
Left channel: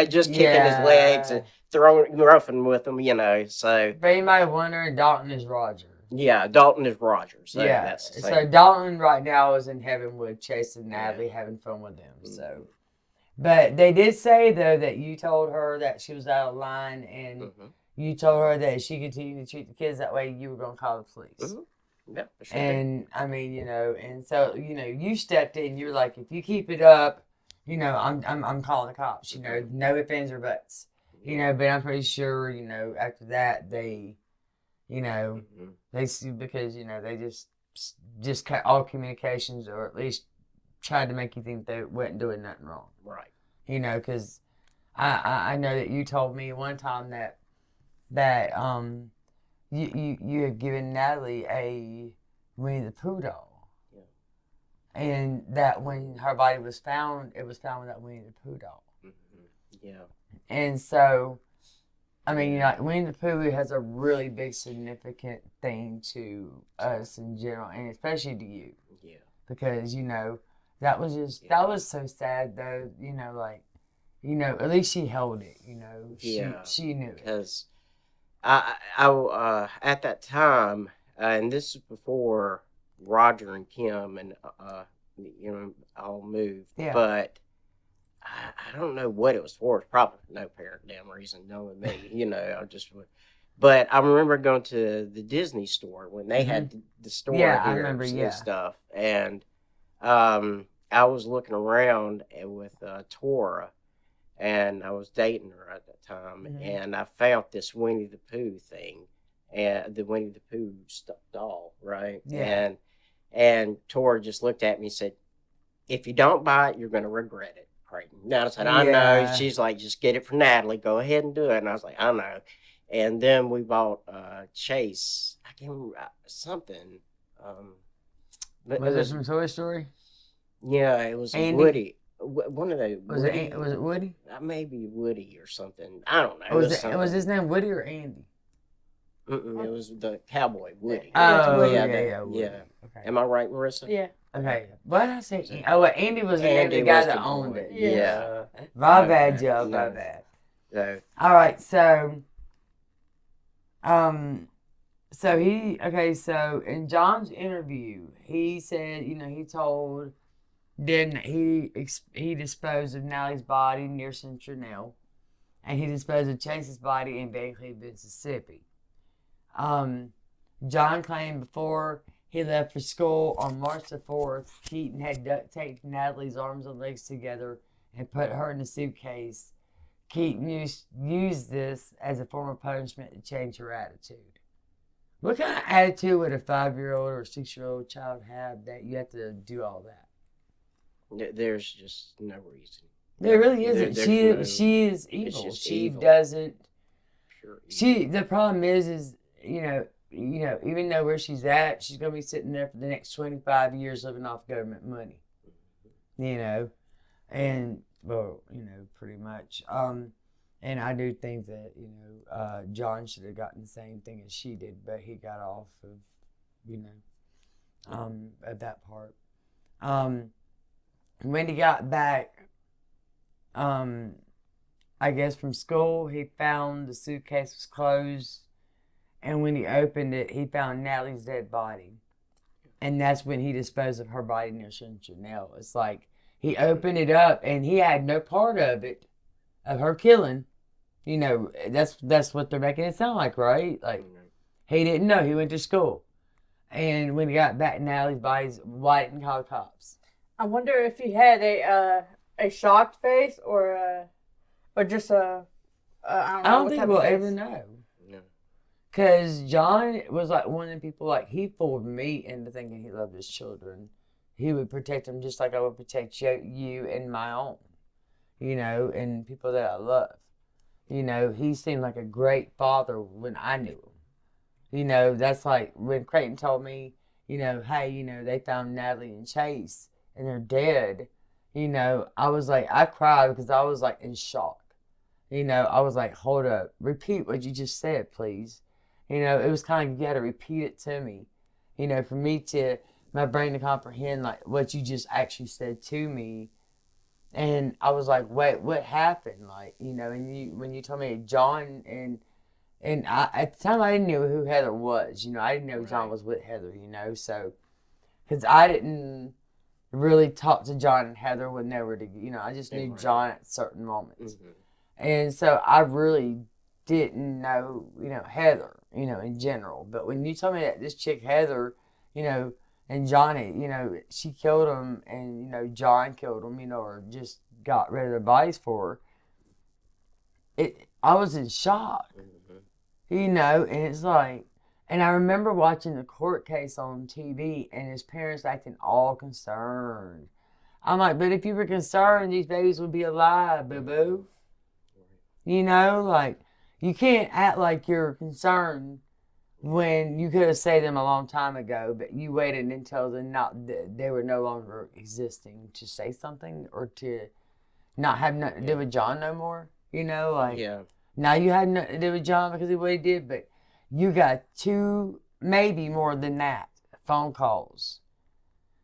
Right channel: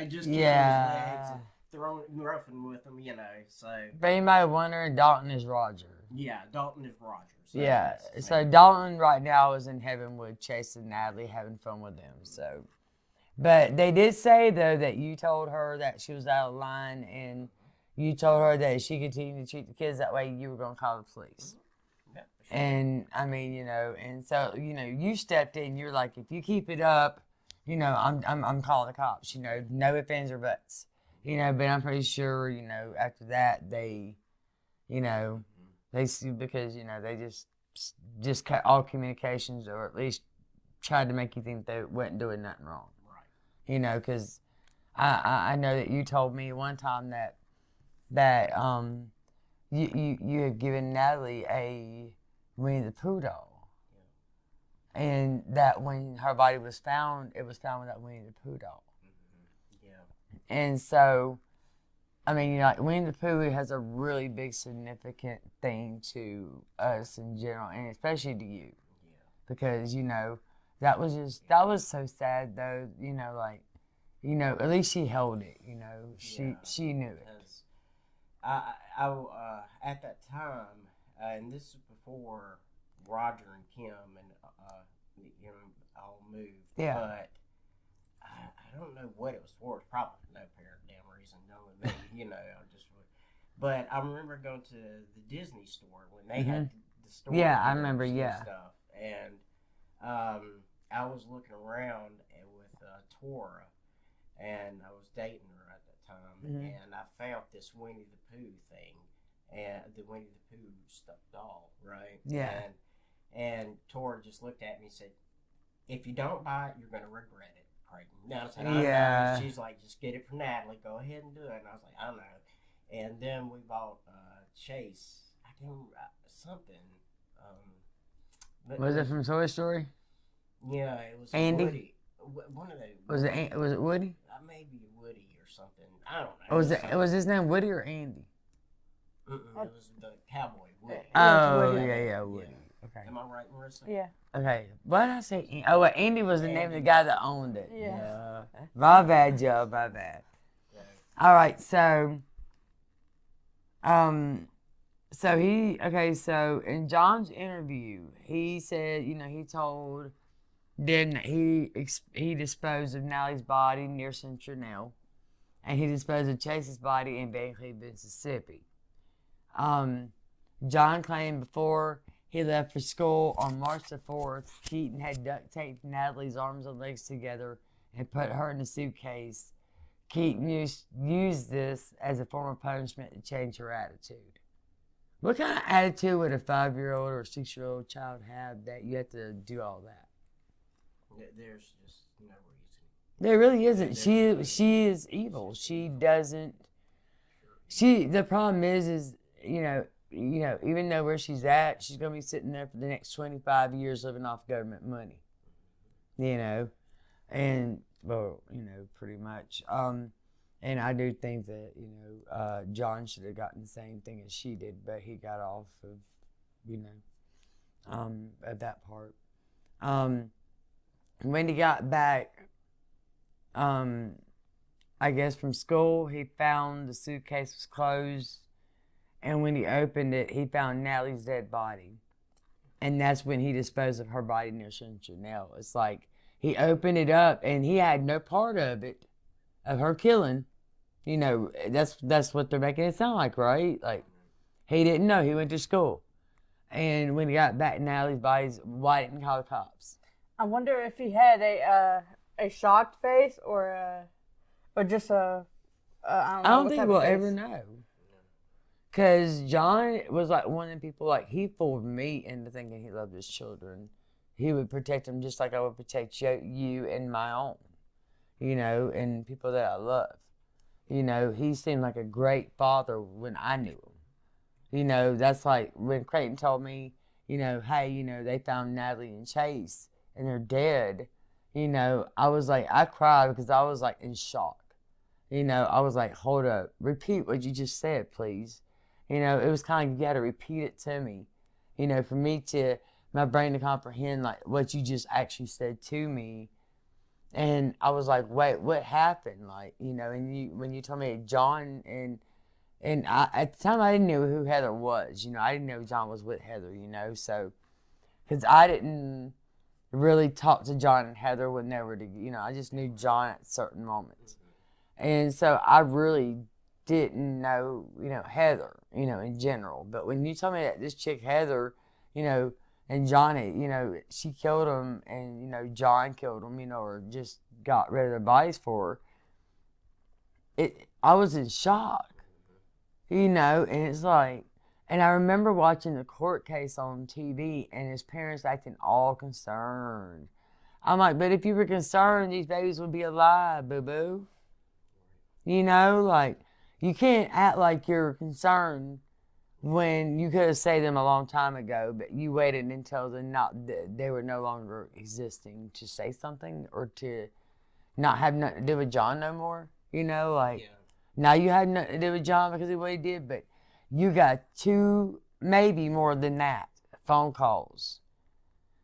just kicking his legs and roughing with him, so. For anybody wondering, Dalton is Roger. Yeah, Dalton is Roger. So so Dalton right now is in heaven with Chase and Natalie having fun with them, so. But they did say, though, that you told her that she was out of line and you told her that if she continued to treat the kids that way, you were going to call the police. Yeah, for sure. And, I mean, you know, and so, you know, you stepped in. You're like, if you keep it up, you know, I'm calling the cops. You know, no ifs, ands, or buts. You know, but I'm pretty sure, you know, after that, they, you know, they see because, you know, they just cut all communications or at least tried to make you think they wasn't doing nothing wrong. Right. You know, because I know that you told me one time that you had given Natalie a Winnie the Pooh doll. Yeah. And that when her body was found, it was found with that Winnie the Pooh doll. Yeah. And so, I mean, you know, like Winnie the Pooh has a really big significant thing to us in general, and especially to you. Yeah. Because, you know, that was so sad, though, you know, like, you know, at least she held it, you know, she knew it. Because I at that time, and this is before Roger and Kim and, you know, all moved, but I don't know what it was for. It's probably no apparent damn reason, knowing me, you know, but I remember going to the Disney store when they had the store I remember, and stuff, and I was looking around with Tora, and I was dating her at that time, and I found this Winnie the Pooh thing, and the Winnie the Pooh stuffed doll, right? Yeah. And Tora just looked at me and said, "If you don't buy it, you're going to regret it, Creighton." Now I said, "I know." She's like, "Just get it for Natalie. Go ahead and do it." And I was like, "I know." And then we bought Chase. I can't remember something. Was it from Toy Story? Yeah, it was Andy? Woody. One of those. Was it Woody? Maybe Woody or something. I don't know. Was his name Woody or Andy? It was the cowboy Woody. Oh, yeah, Woody. Yeah. Okay. Am I right, Marissa? Yeah. Okay. What did I say? Oh, well, Andy was the name of the guy that owned it. Yeah. My bad, Joe. My bad. Yeah. All right. So, so in John's interview, he said, you know, he told then he disposed of Natalie's body near Central, and he disposed of Chase's body in Bancroft, Mississippi. John claimed before he left for school on March the 4th, Keaton had duct taped Natalie's arms and legs together and put her in a suitcase. Keaton used this as a form of punishment to change her attitude. What kind of attitude would a 5-year-old or a 6-year-old child have that you have to do all that? There's just no reason. There really isn't. She is evil. She evil. Doesn't. The problem is you know, even though where she's at, she's gonna be sitting there for the next 25 years living off government money. You know, and well, you know, pretty much. And I do think that, you know, John should have gotten the same thing as she did, but he got off of, you know, at that part. When he got back, I guess from school, he found the suitcase was closed, and when he opened it, he found Natalie's dead body. And that's when he disposed of her body near Chanel. It's like he opened it up, and he had no part of it, of her killing. You know, that's what they're making it sound like, right? Like, he didn't know. He went to school. And when he got back, Natalie's body's why didn't call the cops. I wonder if he had a shocked face or just a I don't know. I don't think we'll ever know. Because John was like one of the people, like, he fooled me into thinking he loved his children. He would protect them just like I would protect you and my own, you know, and people that I love. You know, he seemed like a great father when I knew him. You know, that's like when Creighton told me, you know, hey, you know, they found Natalie and Chase and they're dead. You know, I was like, I cried because I was like in shock. You know, I was like, hold up, repeat what you just said, please. You know, it was kind of, you got to repeat it to me. You know, for me to, my brain to comprehend like what you just actually said to me. And I was like, wait, what happened? Like, you know, and when you told me John and I, at the time I didn't know who Heather was, you know, I didn't know John was with Heather, you know, so, because I didn't, really talk to John and Heather when they were I just knew Right. John at certain moments. Mm-hmm. And so I really didn't know, Heather, in general. But when you told me that this chick Heather, and Johnny, she killed him and, John killed him, or just got rid of their bodies for her, I was in shock, Mm-hmm. and it's like, and I remember watching the court case on TV and his parents acting all concerned. I'm like, but if you were concerned, these babies would be alive, boo-boo. Like, you can't act like you're concerned when you could have saved them a long time ago, but you waited until they were no longer existing to say something or to not have nothing to do with John no more. Yeah. Now you had nothing to do with John because of what he did, but you got 2, maybe more than that, phone calls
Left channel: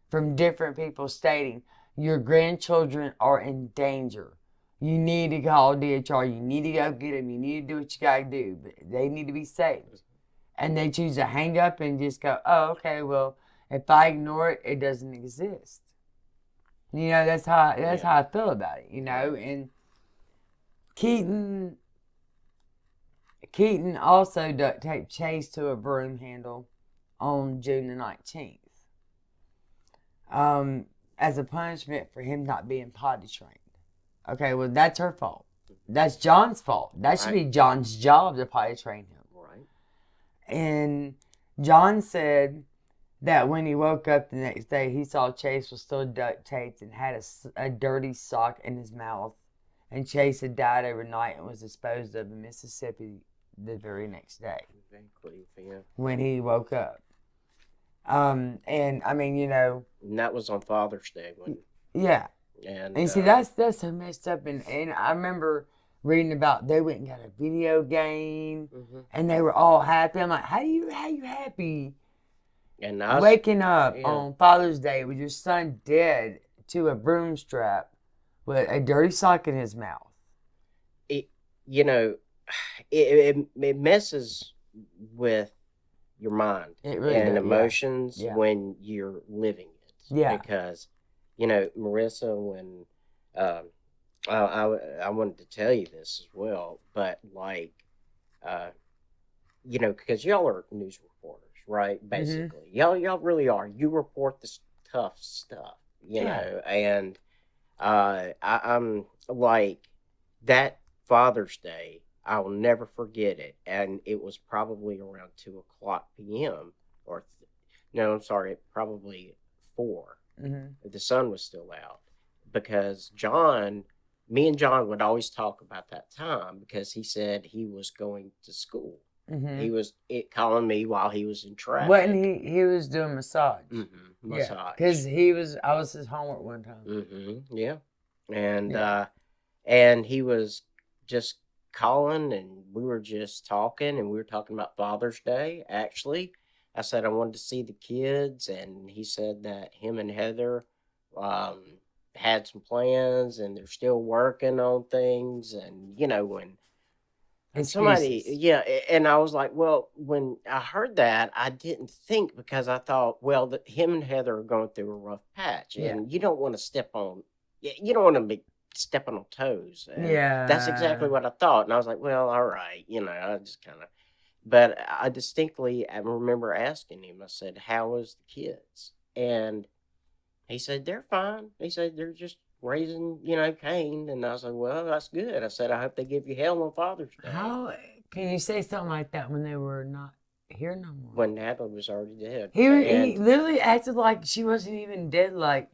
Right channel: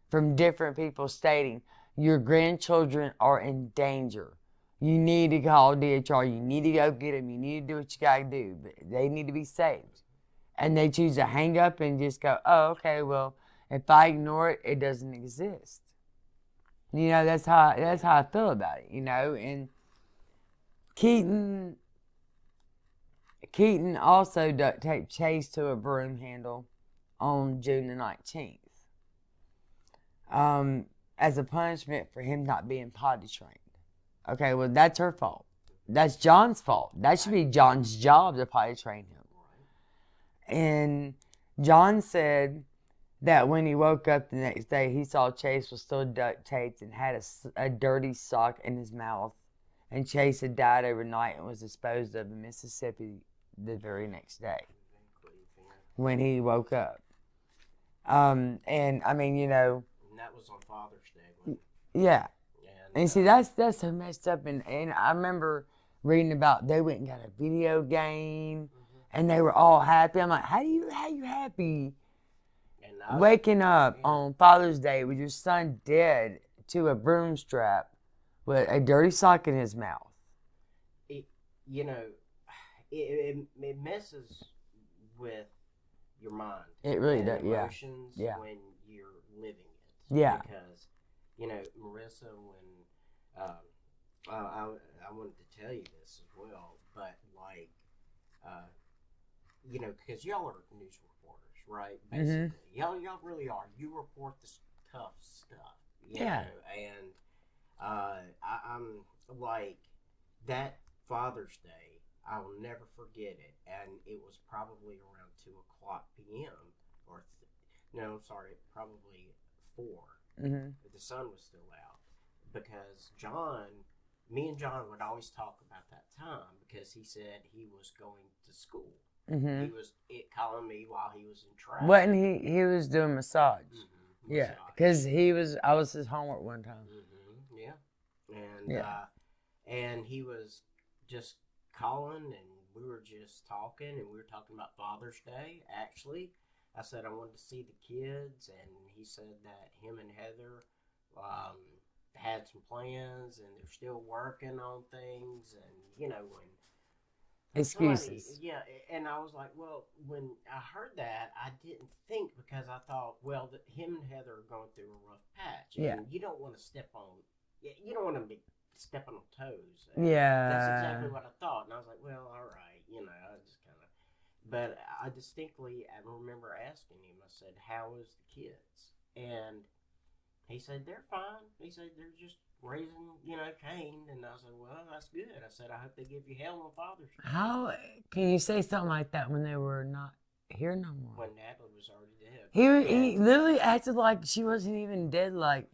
from different people stating your grandchildren are in danger. You need to call DHR. You need to go get them. You need to do what you got to do. But they need to be saved. And they choose to hang up and just go, oh, okay, well, if I ignore it, it doesn't exist. That's how I feel about it, And Creighton also duct taped Chase to a broom handle on June the 19th. As a punishment for him not being potty trained. Okay, well, that's her fault. That's John's fault. That should be John's job to potty train him. Right. And John said that when he woke up the next day, he saw Chase was still duct taped and had a dirty sock in his mouth. And Chase had died overnight and was disposed of in Mississippi the very next day. When he woke up. And I mean, And that was on Father's Day, wasn't it? Yeah. And see, that's so messed up. And I remember reading about they went and got a video game, and they were all happy. I'm like, how you happy? And Waking up on Father's Day with your son dead to a broom strap with a dirty sock in his mouth. It messes with your mind and emotions when you're living it. Yeah. Because, Marissa, when I wanted to tell you this as well, but because y'all are news reporters, right? Basically, y'all really are. You report this tough stuff, you know, and I'm like that Father's Day. I will never forget it, and it was probably around 2:00 p.m. Probably 4. The sun was still out because me and John would always talk about that time because he said he was going to school. He was calling me while he was in traffic. What? And he was doing massage. Massage. Yeah, because I was his homework one time. Yeah, and he was just calling, and we were just talking, and we were talking about Father's Day. Actually, I said I wanted to see the kids, and he said that him and Heather had some plans, and they're still working on things, and when somebody, and I was like, well, when I heard that, I didn't think because I thought, well, him and Heather are going through a rough patch, and you don't want to step on toes. And that's exactly what I thought, and I was like, well, all right, I just kind of. But I remember asking him. I said, "How is the kids?" And he said, "They're fine." He said, "They're just raising, Cain." And I was like, "Well, that's good." I said, "I hope they give you hell on Father's Day." How can you say something like that when they were not here no more? When Natalie was already dead. He literally acted like she wasn't even dead. Like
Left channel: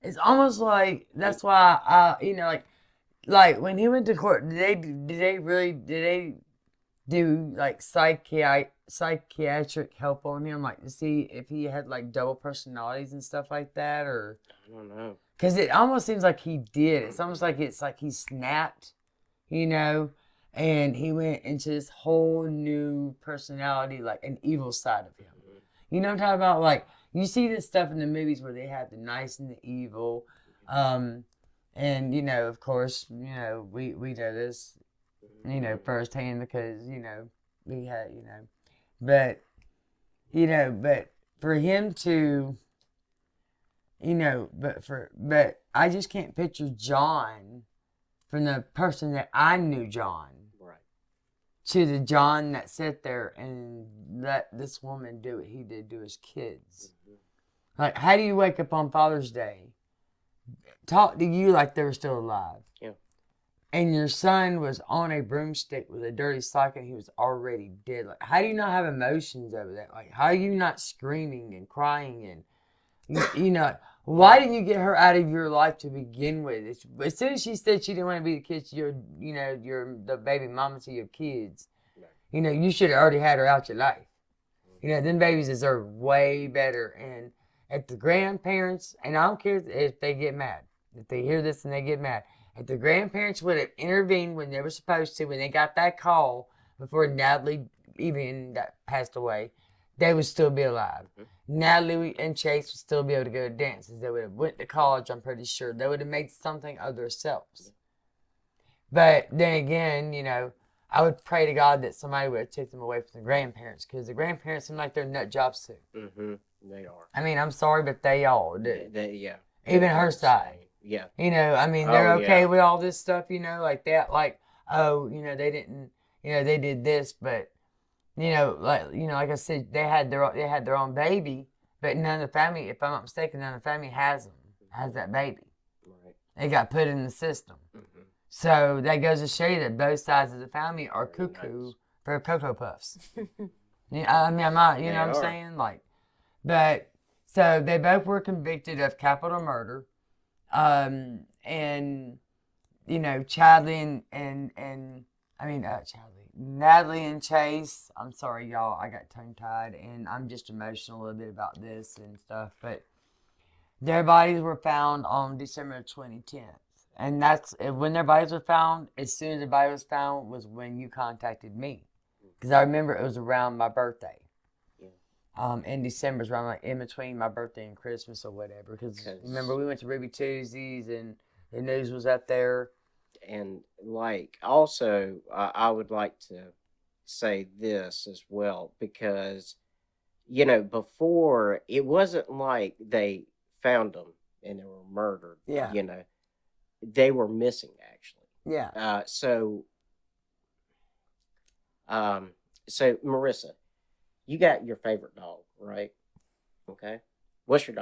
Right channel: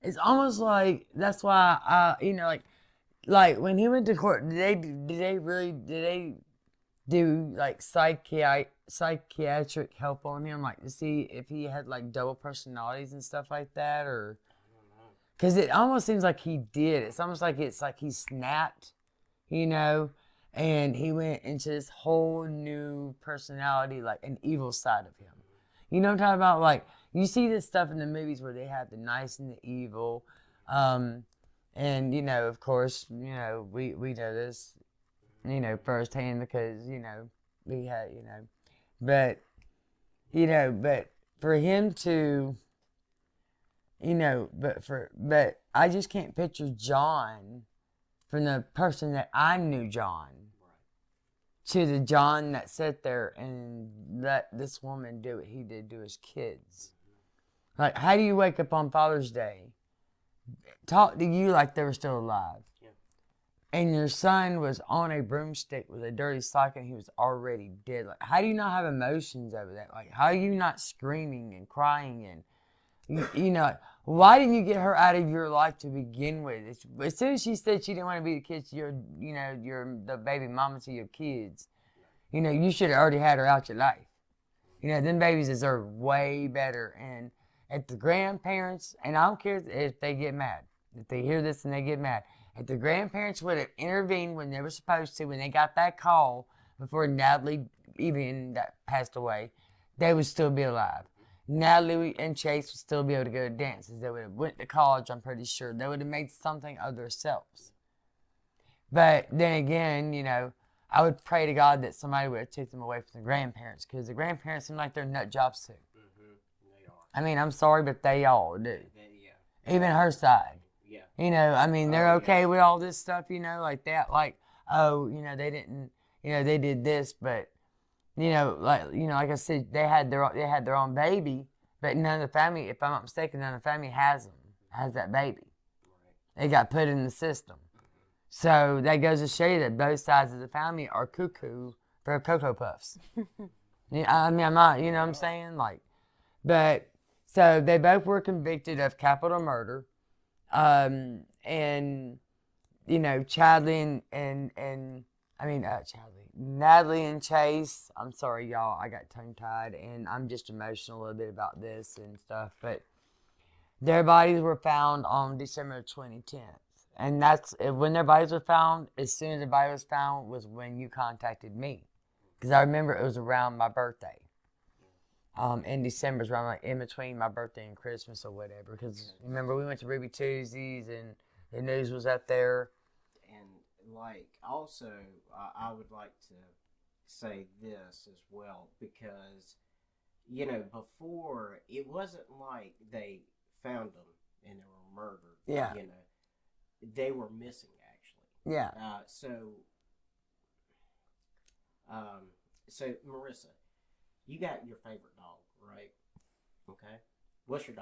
it's almost like that's why like when he went to court, did they do like psychiatric help on him, like to see if he had like double personalities and stuff like that, or I don't know. Because it almost seems like he did. It's almost like he snapped, and he went into this whole new personality, like an evil side of him. You know what I'm talking about? Like you see this stuff in the movies where they have the nice and the evil, and of course, we know this. Firsthand because, we had, but for him to you know, but I just can't picture John from the person that I knew John to the John that sat there and let this woman do what he did to his kids. Like, how do you wake up on Father's Day, talk to you like they were still alive, and your son was on a broomstick with a dirty sock and he was already dead? Like, how do you not have emotions over that? Like, how are you not screaming and crying and, you know, why didn't you get her out of your life to begin with? As soon as she said she didn't want to be the kid to your, you know, the baby mama to your kids, you know, you should have already had her out your life. You know, them babies deserve way better. And if the grandparents, and I don't care if they get mad, if they hear this and they get mad, if the grandparents would have intervened when they were supposed to, when they got that call before Natalie even passed away, they would still be alive. Natalie and Chase would still be able to go to dances. They would have went to college, I'm pretty sure. They would have made something of themselves. But then again, you know, I would pray to God that somebody would have taken them away from the grandparents, because the grandparents seem like they're nut jobs too. Mm-hmm. They are. I mean, I'm sorry, but they all do. Yeah. Even her side. Yeah. You know, I mean, they're okay with all this stuff, you know, like that. Like, oh, you know, they didn't, you know, they did this, but, you know, like I said, they had their own baby, but none of the family, if I'm not mistaken, none of the family has that baby. Right. It got put in the system. Mm-hmm. So that goes to show you that both sides of the family are cuckoo for Cocoa Puffs. I mean, I'm not, you know what I'm saying? Like, but, so they both were convicted of capital murder. And, you know, Natalie and Chase, I'm sorry, y'all, I got tongue-tied, and I'm just emotional a little bit about this and stuff, but their bodies were found on December 2010. And that's, when their bodies were found, as soon as the body was found was when you contacted me. Because I remember it was around my birthday. In December, around like in between my birthday and Christmas or whatever. Because remember, we went to Ruby Tuesdays and the news was up there. And like, also, I would like to say this as well, because, you know, before, it wasn't like they found them and they were murdered. Yeah. You know, they were missing, actually. Yeah. So Marissa, you got your favorite dog, right? Okay. What's your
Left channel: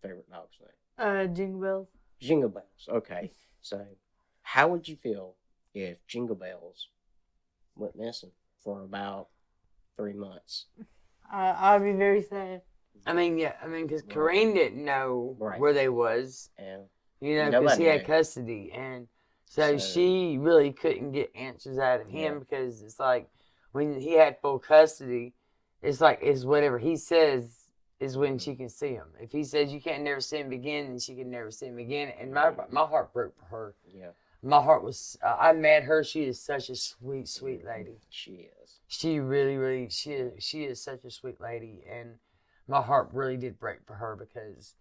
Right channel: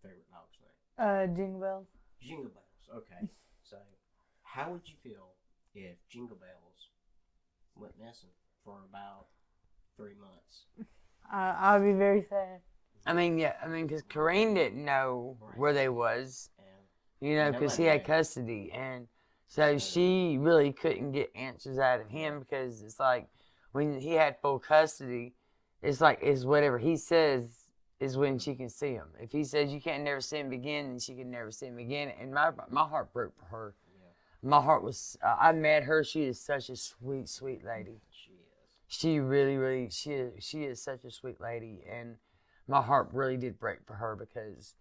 favorite dog's name? Jingle Bells. Jingle Bells. Okay. So, how would you feel if Jingle Bells went missing for about 3 months? I'd be very sad. I mean, because Kareem didn't know where they was. And you know, because he had custody. And so she really couldn't get answers out of him because it's like, when he had full custody, it's like, it's whatever he says is when she can see him. If he says you can't never see him again, then she can never see him again. And my heart broke for her. Yeah. My heart was, I met her. She is such a sweet, sweet lady. She is. She really, she is such a sweet lady. And my heart really did break for her because,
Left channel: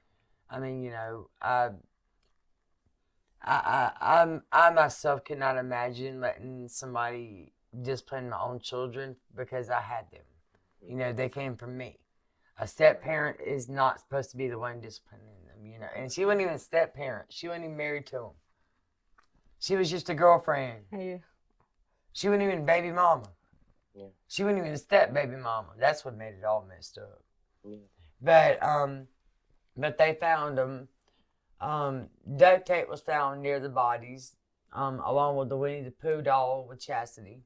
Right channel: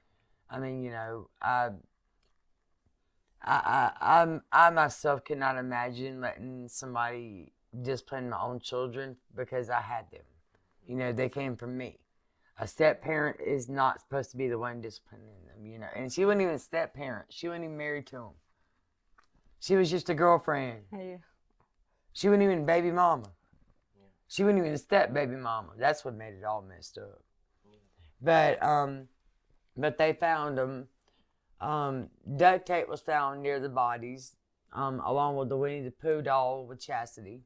I mean, you know, I myself could not imagine letting somebody discipline my own children because I had them. You know, they came from me. A step-parent is not supposed to be the one disciplining them, you know. And she wasn't even a step-parent. She wasn't even married to him. She was just a girlfriend. Yeah. She wasn't even baby mama. Yeah. She wasn't even a step-baby mama. That's what made it all messed up. Yeah. But they found them. Duct tape was found near the bodies, along with the Winnie the Pooh doll with Chastity.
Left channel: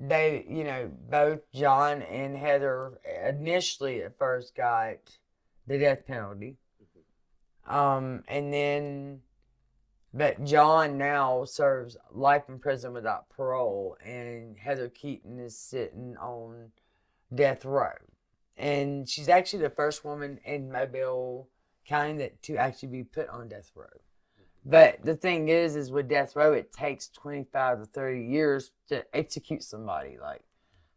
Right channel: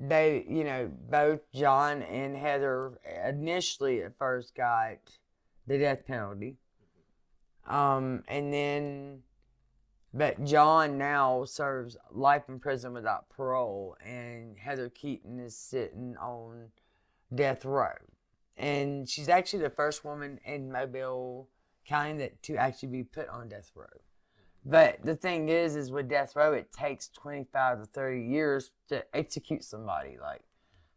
They, you know, both John and Heather initially at first got the death penalty. And then, but John now serves life in prison without parole, and Heather Keaton is sitting on death row. And she's actually the first woman in Mobile County to actually be put on death row. But the thing is with death row, it takes 25 to 30 years to execute somebody. Like,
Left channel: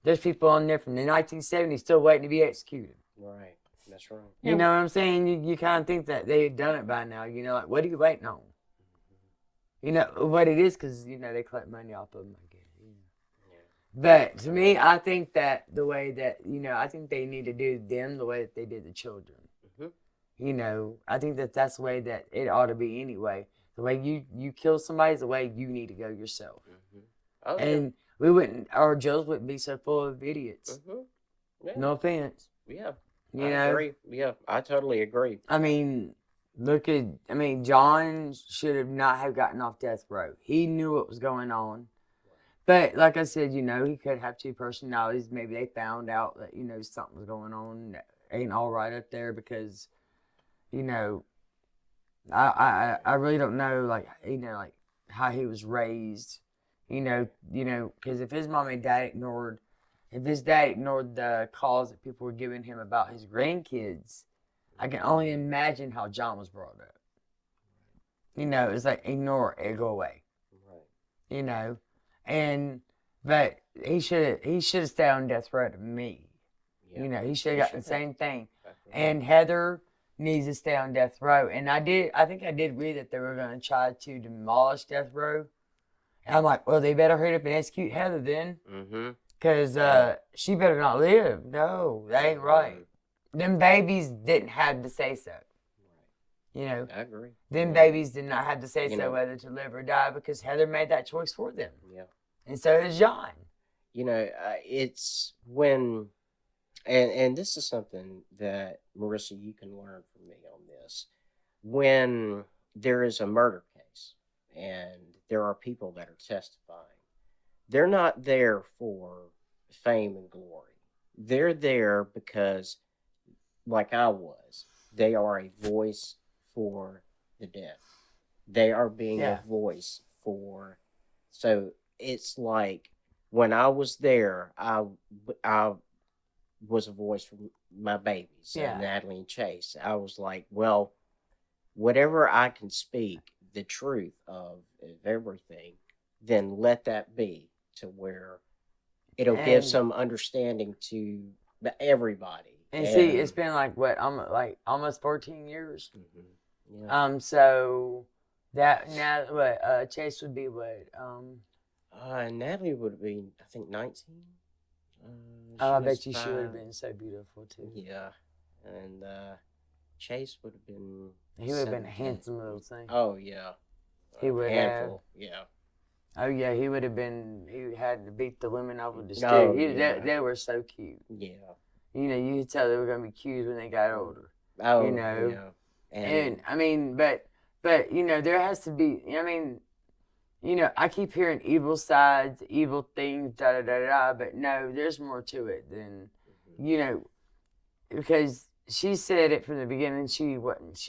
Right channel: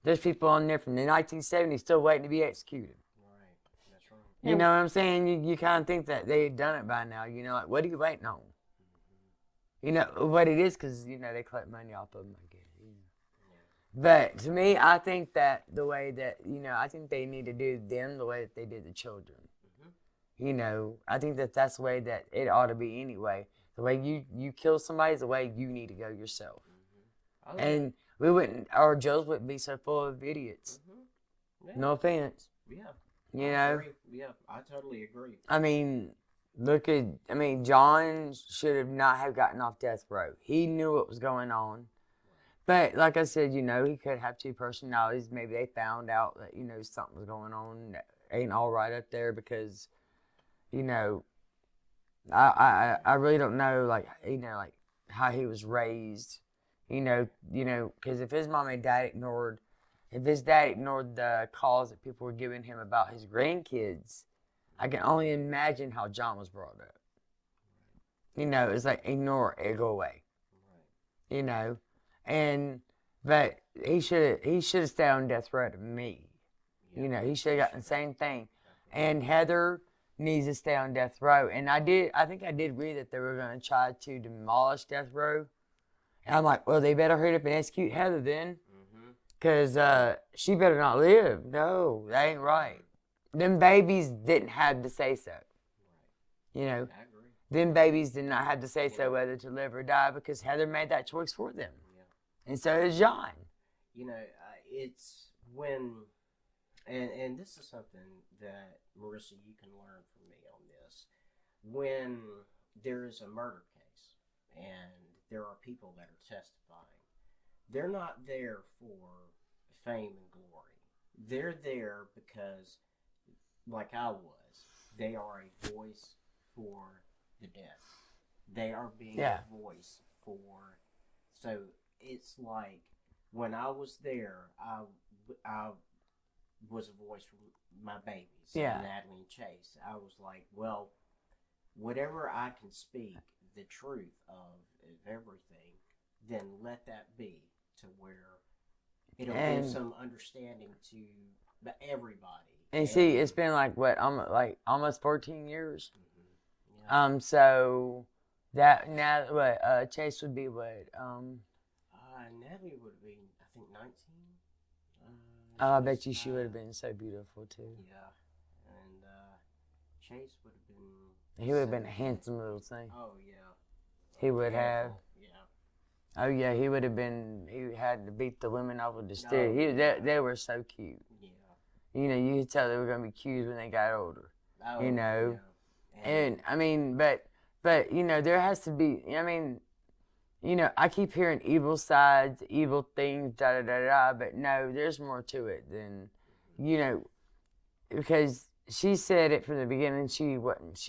there's people on there from the 1970s still waiting to be executed. Right. That's right. You know what I'm saying? You kind of think that they've done it by now. You know, like, what are you waiting on? You know, what it is, because, you know, they collect money off of them, I guess. You know. But to me, I think that the way that, you know, I think they need to do them the way that they did the children. I think that's the way that it ought to be anyway. The way you kill somebody is the way you need to go yourself. Oh, And our jails wouldn't be so full of idiots. yeah. No offense. Yeah. You I know? agree. Yeah, I totally agree. I mean, John should have not have gotten off death row. He knew what was going on. But like I said, he could have two personalities. Maybe they found out that, something was going on that ain't all right up there because, I really don't know, like how he was raised, because if his mom and dad ignored the calls that people were giving him about his grandkids, I can only imagine how John was brought up. It's like ignore it, go away. Right. But he should have stayed on death row to me. Yeah. He should have gotten the same thing. And Heather needs to stay on death row. And I think I did read that they were going to try to demolish death row. And I'm like, well, they better hurry up and execute Heather then. Because she better not live. No, that ain't right. Them babies didn't have to say so. I agree. Them babies did not have to say so whether to live or die because Heather made that choice for them. Yeah. And so did John. It's when, and this is something that, Marissa, you can learn from me on this. When there is a murder case and there are people that are testifying, they're not there for fame and glory. They're there because, like I was, they are a voice for the deaf. They are being a voice for. So it's like when I was there, I was a voice for my babies, Natalie and Chase. I was like, well, whatever I can speak the truth of everything, then let that be to where it'll give some understanding to everybody. And see, it's been like almost 14 years. Yeah. So that now Chase would be what? Natalie would be, I think, 19. I bet you she would have been so beautiful too. Yeah, and Chase would have been. He would have been a handsome little thing. Oh yeah. He would have. Yeah. Oh yeah, he would have been. He had to beat the women over the stick. They were so cute. Yeah. You could tell they were gonna be cute when they got older. Oh. Yeah. And but there has to be. I keep hearing evil sides, evil things, but no, there's more to it than, because she said it from the beginning. She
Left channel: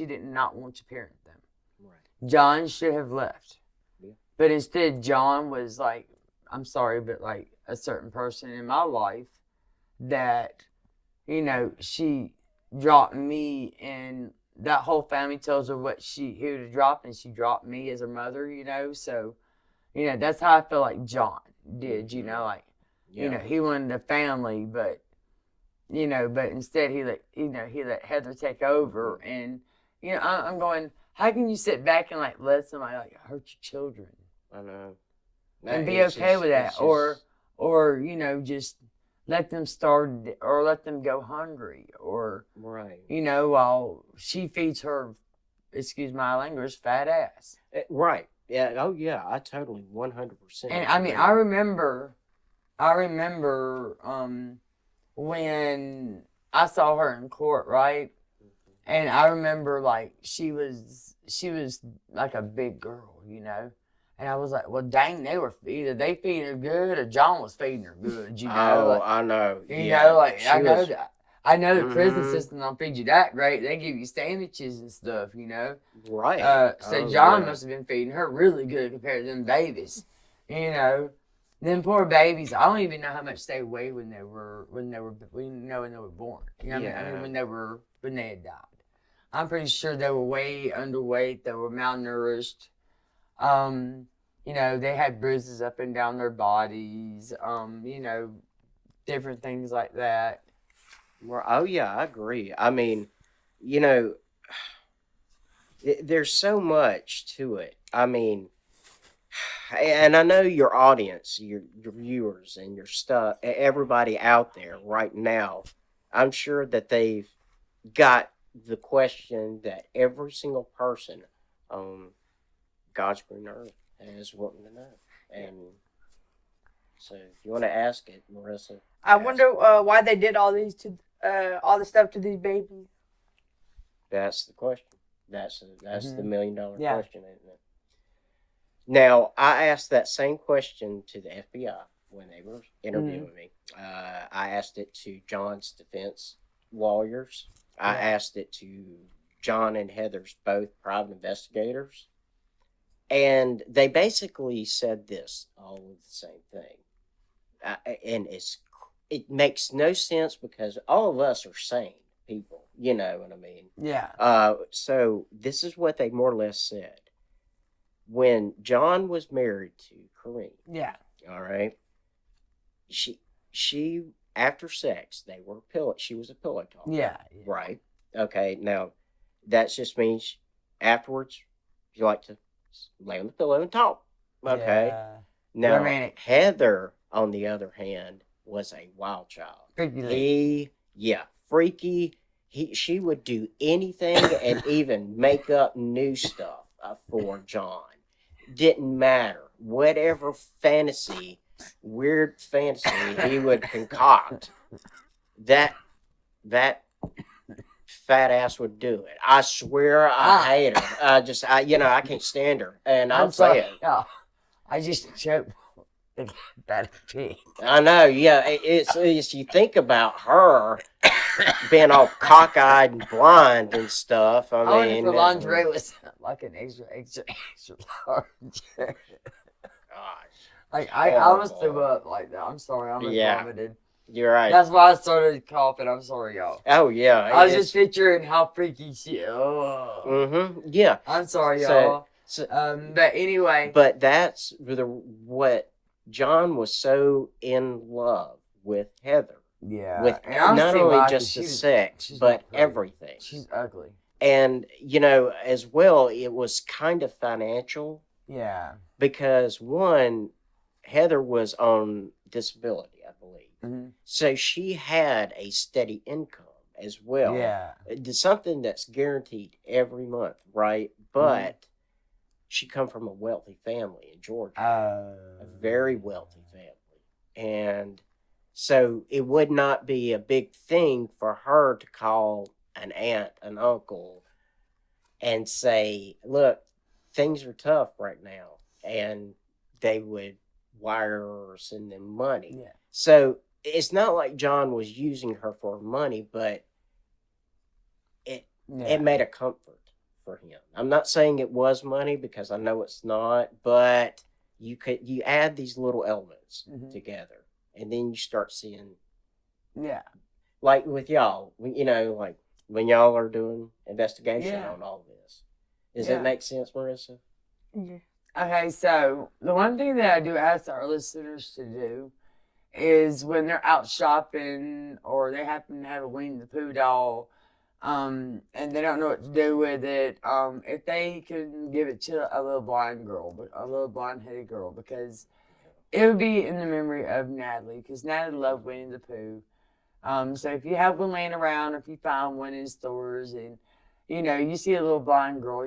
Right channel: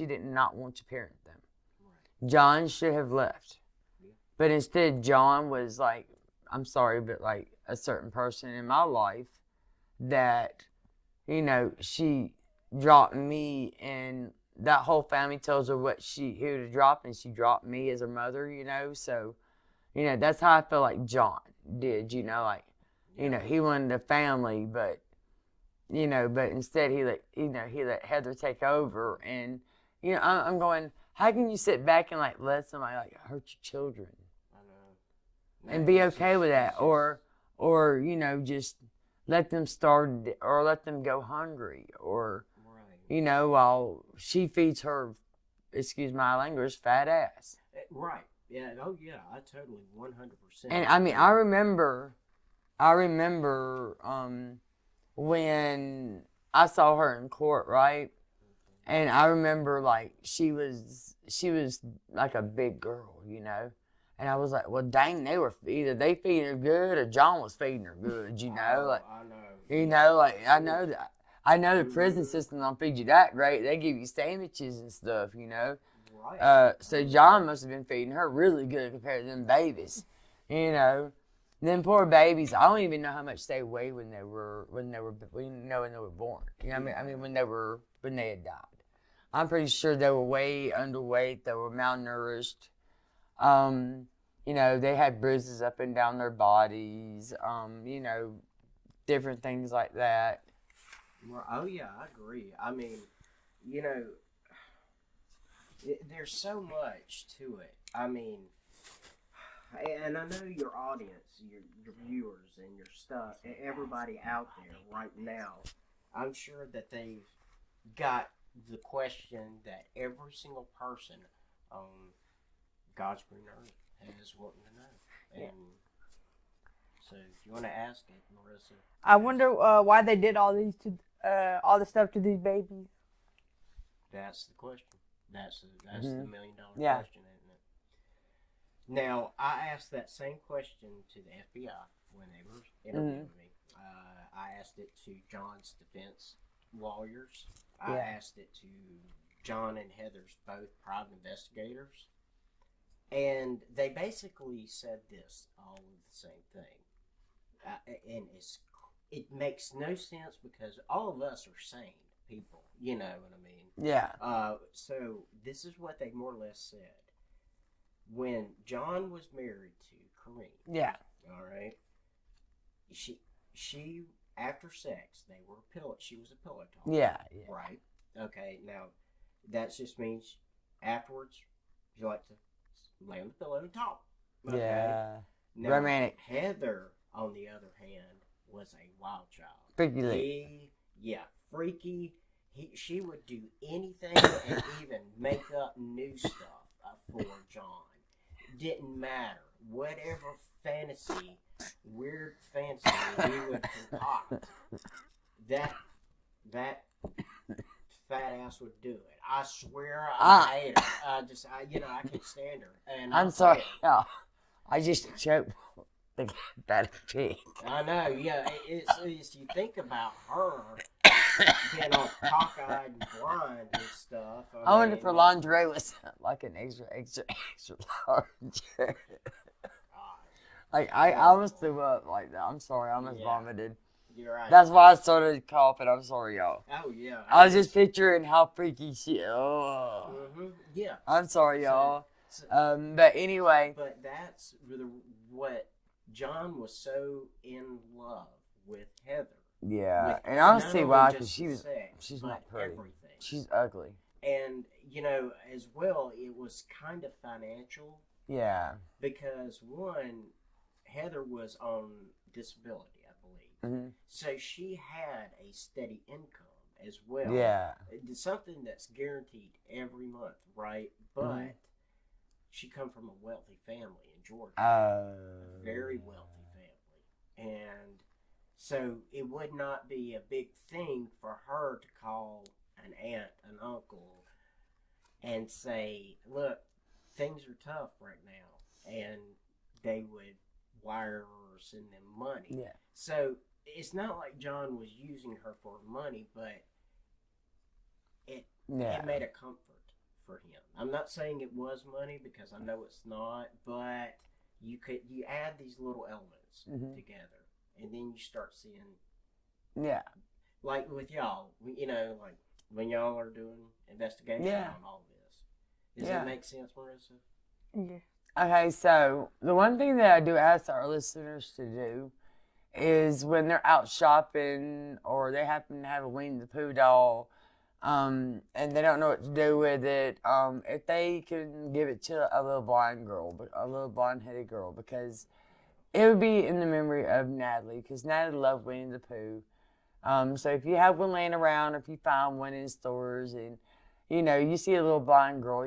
did not want to parent them. Right. John should have left, but instead John was like, I'm sorry, but like a certain person in my life that, she dropped me and that whole family tells her who to drop, and she dropped me as her mother, so. That's how I feel like John did, he wanted a family, but instead he let Heather take over. And, I'm going, how can you sit back and let somebody hurt your children? I know. And be okay with that. Or, just let them starve or let them go hungry or, right. While she feeds her, excuse my language, fat ass. Right. Yeah. Oh, yeah. I totally 100%. And I remember, when I saw her in court, right? And I remember she was like a big girl, And I was like, well, dang, either they feeding her good or John was feeding her good, Oh, I know. I know the prison system don't feed you that great. They give you sandwiches and stuff, Right. So John must have been feeding her really good compared to them babies, Them poor babies. I don't even know how much they weighed when they were born. When they had died. I'm pretty sure they were way underweight. They were malnourished. They had bruises up and down their bodies. Different things like that. Well, oh yeah, I agree. There's so much to it. And I know your audience, your viewers, and your everybody out there right now, I'm sure that they've got the question that every single person on God's green earth is wanting to know. And so, if you want to ask it, Marissa. I wonder why they did all this stuff to these babies. That's the question. That's the $1 million Yeah. question, isn't it? Now, I asked that same question to the FBI when they were interviewing me. I asked it to John's defense lawyers. I asked it to John and Heather's both private investigators. And they basically said this, all of the same thing. And it makes no sense because all of us are sane people. You know what I mean? Yeah. So this is what they more or less said. When John was married to Corinne. Yeah. All right. She after sex, she was a pillow talker. Yeah. Right. Okay. Now, that just means afterwards you like to lay on the pillow and talk. Okay. Yeah. Now, Romantic. Heather, on the other hand, was a wild child. Freaky. Freaky. She would do anything and even make up new stuff for John. Didn't matter. Whatever weird fantasy he would concoct, that fat ass would do it. I swear I hate her. I can't stand her. And I'm sorry. Yeah. I just choked that pig. I know, yeah. It's you think about her being all cockeyed and blind and stuff. I wonder if the lingerie was like an extra large. Like I almost threw up like that. I'm sorry, I almost vomited. You're right. That's why I started coughing. I'm sorry, y'all. Oh yeah. I was just picturing how freaky she. Oh. Mm-hmm. Yeah. I'm sorry, y'all. But anyway. But that's what John was so in love with Heather. Yeah. With and I not see only why, just the sex, but everything. She's ugly. And as well, it was kind of financial. Yeah. Because one, Heather was on disability, I believe. Mm-hmm. So she had a steady income as well. Yeah. It's something that's guaranteed every month, right? But she come from a wealthy family in Georgia. A very wealthy family. And so it would not be a big thing for her to call an aunt, an uncle, and say, look, things are tough right now. And they would wire or send them money. Yeah. So it's not like John was using her for money, but it made a comfort for him. I'm not saying it was money because I know it's not, but you add these little elements together, and then you start seeing. Yeah. Like with y'all, like when y'all are doing investigation on all this. Does that make sense, Marissa? Yeah. Okay, so the one thing that I do ask our listeners to do is when they're out shopping or they happen to have a Winnie the Pooh doll, and they don't know what to do with it, if they can give it to a little blonde-headed girl, because it would be in the memory of Natalie, because Natalie loved Winnie the Pooh. So if you have one laying around, or if you find one in stores and you see a little blonde girl,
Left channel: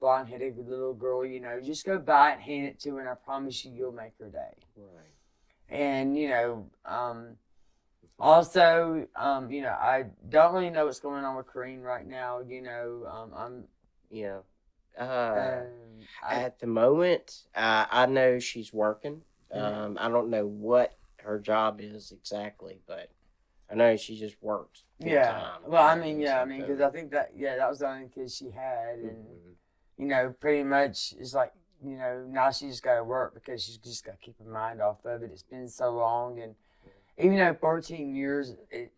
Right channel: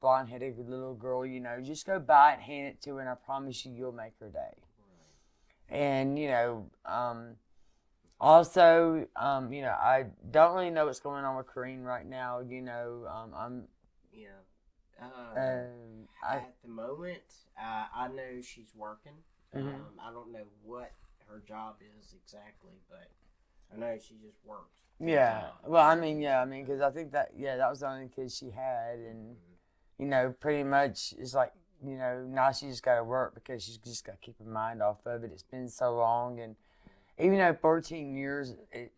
blonde-headed little girl, just go buy it and hand it to her, and I promise you'll make her day. Right. And, also, I don't really know what's going on with Corinne right now. At the moment, I know she's working. I don't know what her job is exactly, but I know she just works. Yeah. Well, because I think that was the only kid she had, and pretty much it's like now she just got to work because she's just got to keep her mind off of it. It's been so long, and even though 14 years,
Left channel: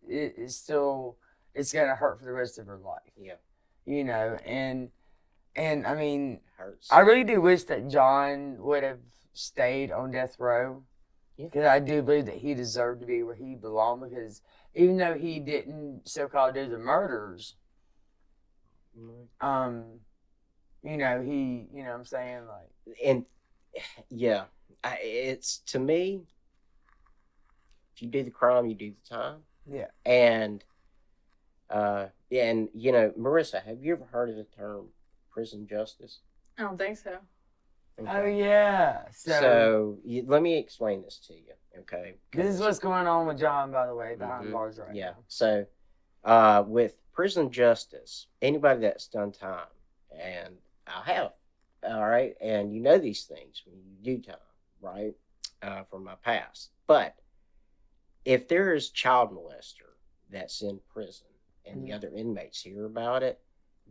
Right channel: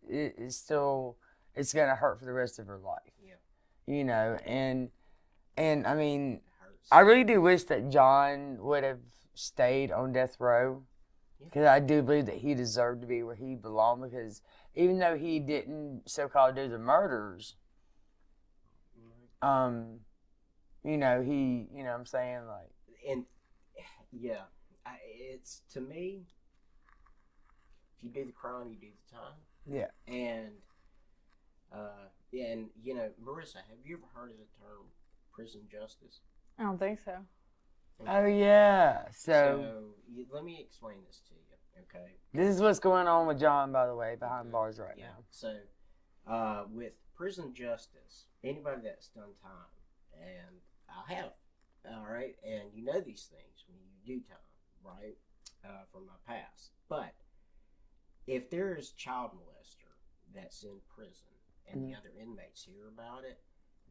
it's still gonna hurt for the rest of her life. Yeah. And I mean, I really do wish that John would have stayed on death row, because I do believe that he deserved to be where he belonged, because even though he didn't so-called do the murders, he, I'm saying, like, and it's, to me, if you do the crime, you do the time. Yeah. And Yeah, and you know, Marissa, have you ever heard of the term prison justice? I don't think so. Oh yeah. So Let me explain this to you, okay? this is what's going on with John, by the way, behind Mhm. bars right Yeah. now. So, with prison justice, anybody that's done time, and I have, all right, and you know these things when you do time, right, from my past. But if there is child molester that's in prison and the other inmates hear about it,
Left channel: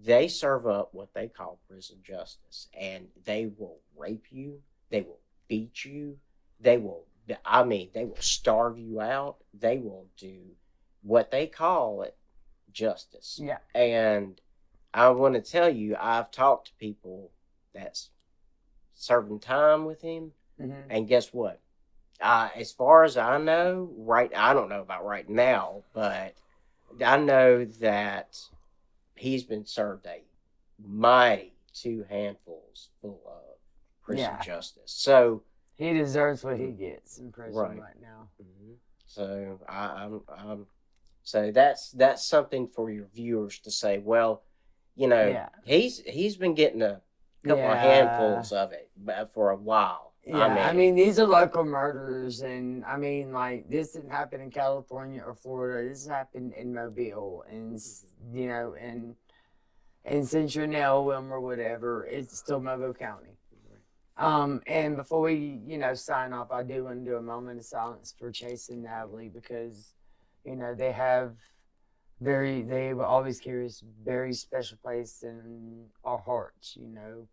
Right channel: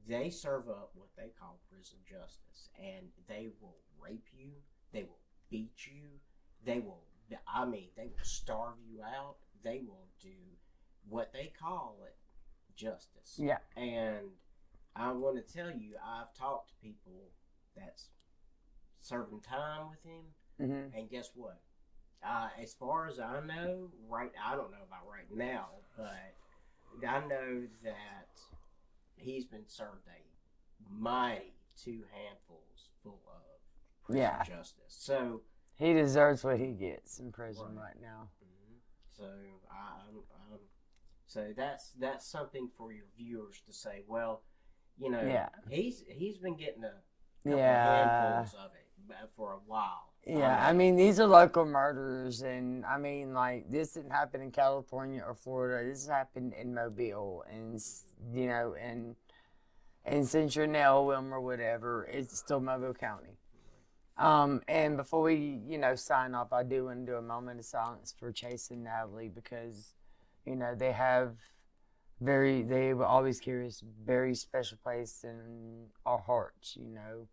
they serve up what they call prison justice, and they will rape you, they will beat you, they will, I mean, they will starve you out, they will do what they call it justice. Yeah. And I want to tell you, I've talked to people that's serving time with him, Mm-hmm. and guess what? As far as I know, I don't know about right now, but I know that he's been served a mighty 2 handfuls full of prison justice. So he deserves what he gets in prison right now. Mm-hmm. So so that's something for your viewers to say. Well, you know, he's been getting a couple of handfuls of it for a while. Yeah, I mean, these are local murders, and I mean, like, this didn't happen in California or Florida. This happened in Mobile, and you know, and since you're now Wilmer or whatever, it's still Mobile County. And before we, you know, sign off, I do want to do a moment of silence for Chase and Natalie because, you know, they will always carry a very special place in our hearts, you know.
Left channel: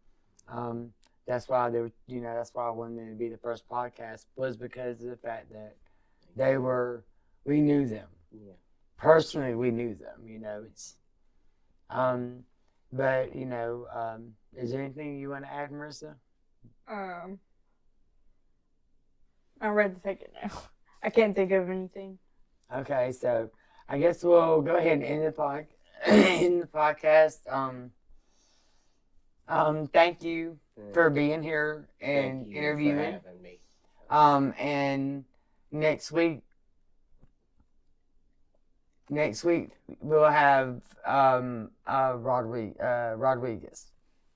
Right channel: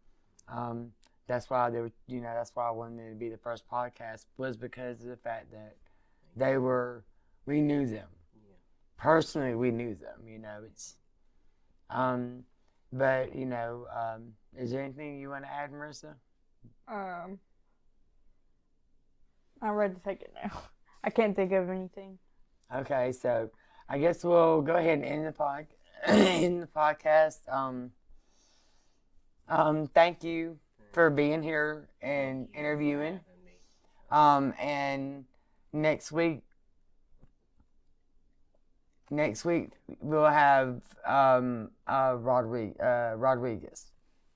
That's why that's why I wanted them to be the first podcast, was because of the fact that we knew them. Yeah. Personally, we knew them, you know, but, you know, is there anything you want to add, Marissa? I'm ready to take it now. I can't think of anything. Okay, so I guess we'll go ahead and end the podcast. Thank you for being here and interviewing. And next week we'll have Rodriguez.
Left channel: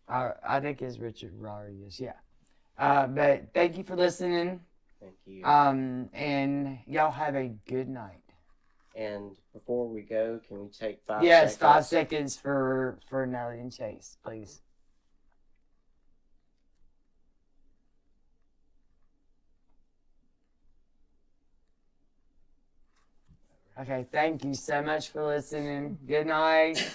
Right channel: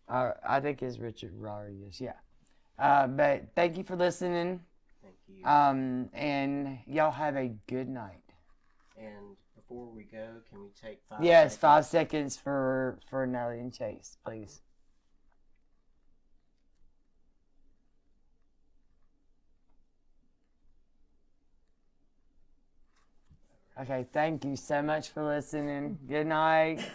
I think it's Richard Rodriguez. Yeah. But thank you for listening. Thank you. And y'all have a good night. And before we go, can we take 5 seconds? Yes, 5 seconds for Natalie and Chase, please. Okay, thank you so much for listening. Good night.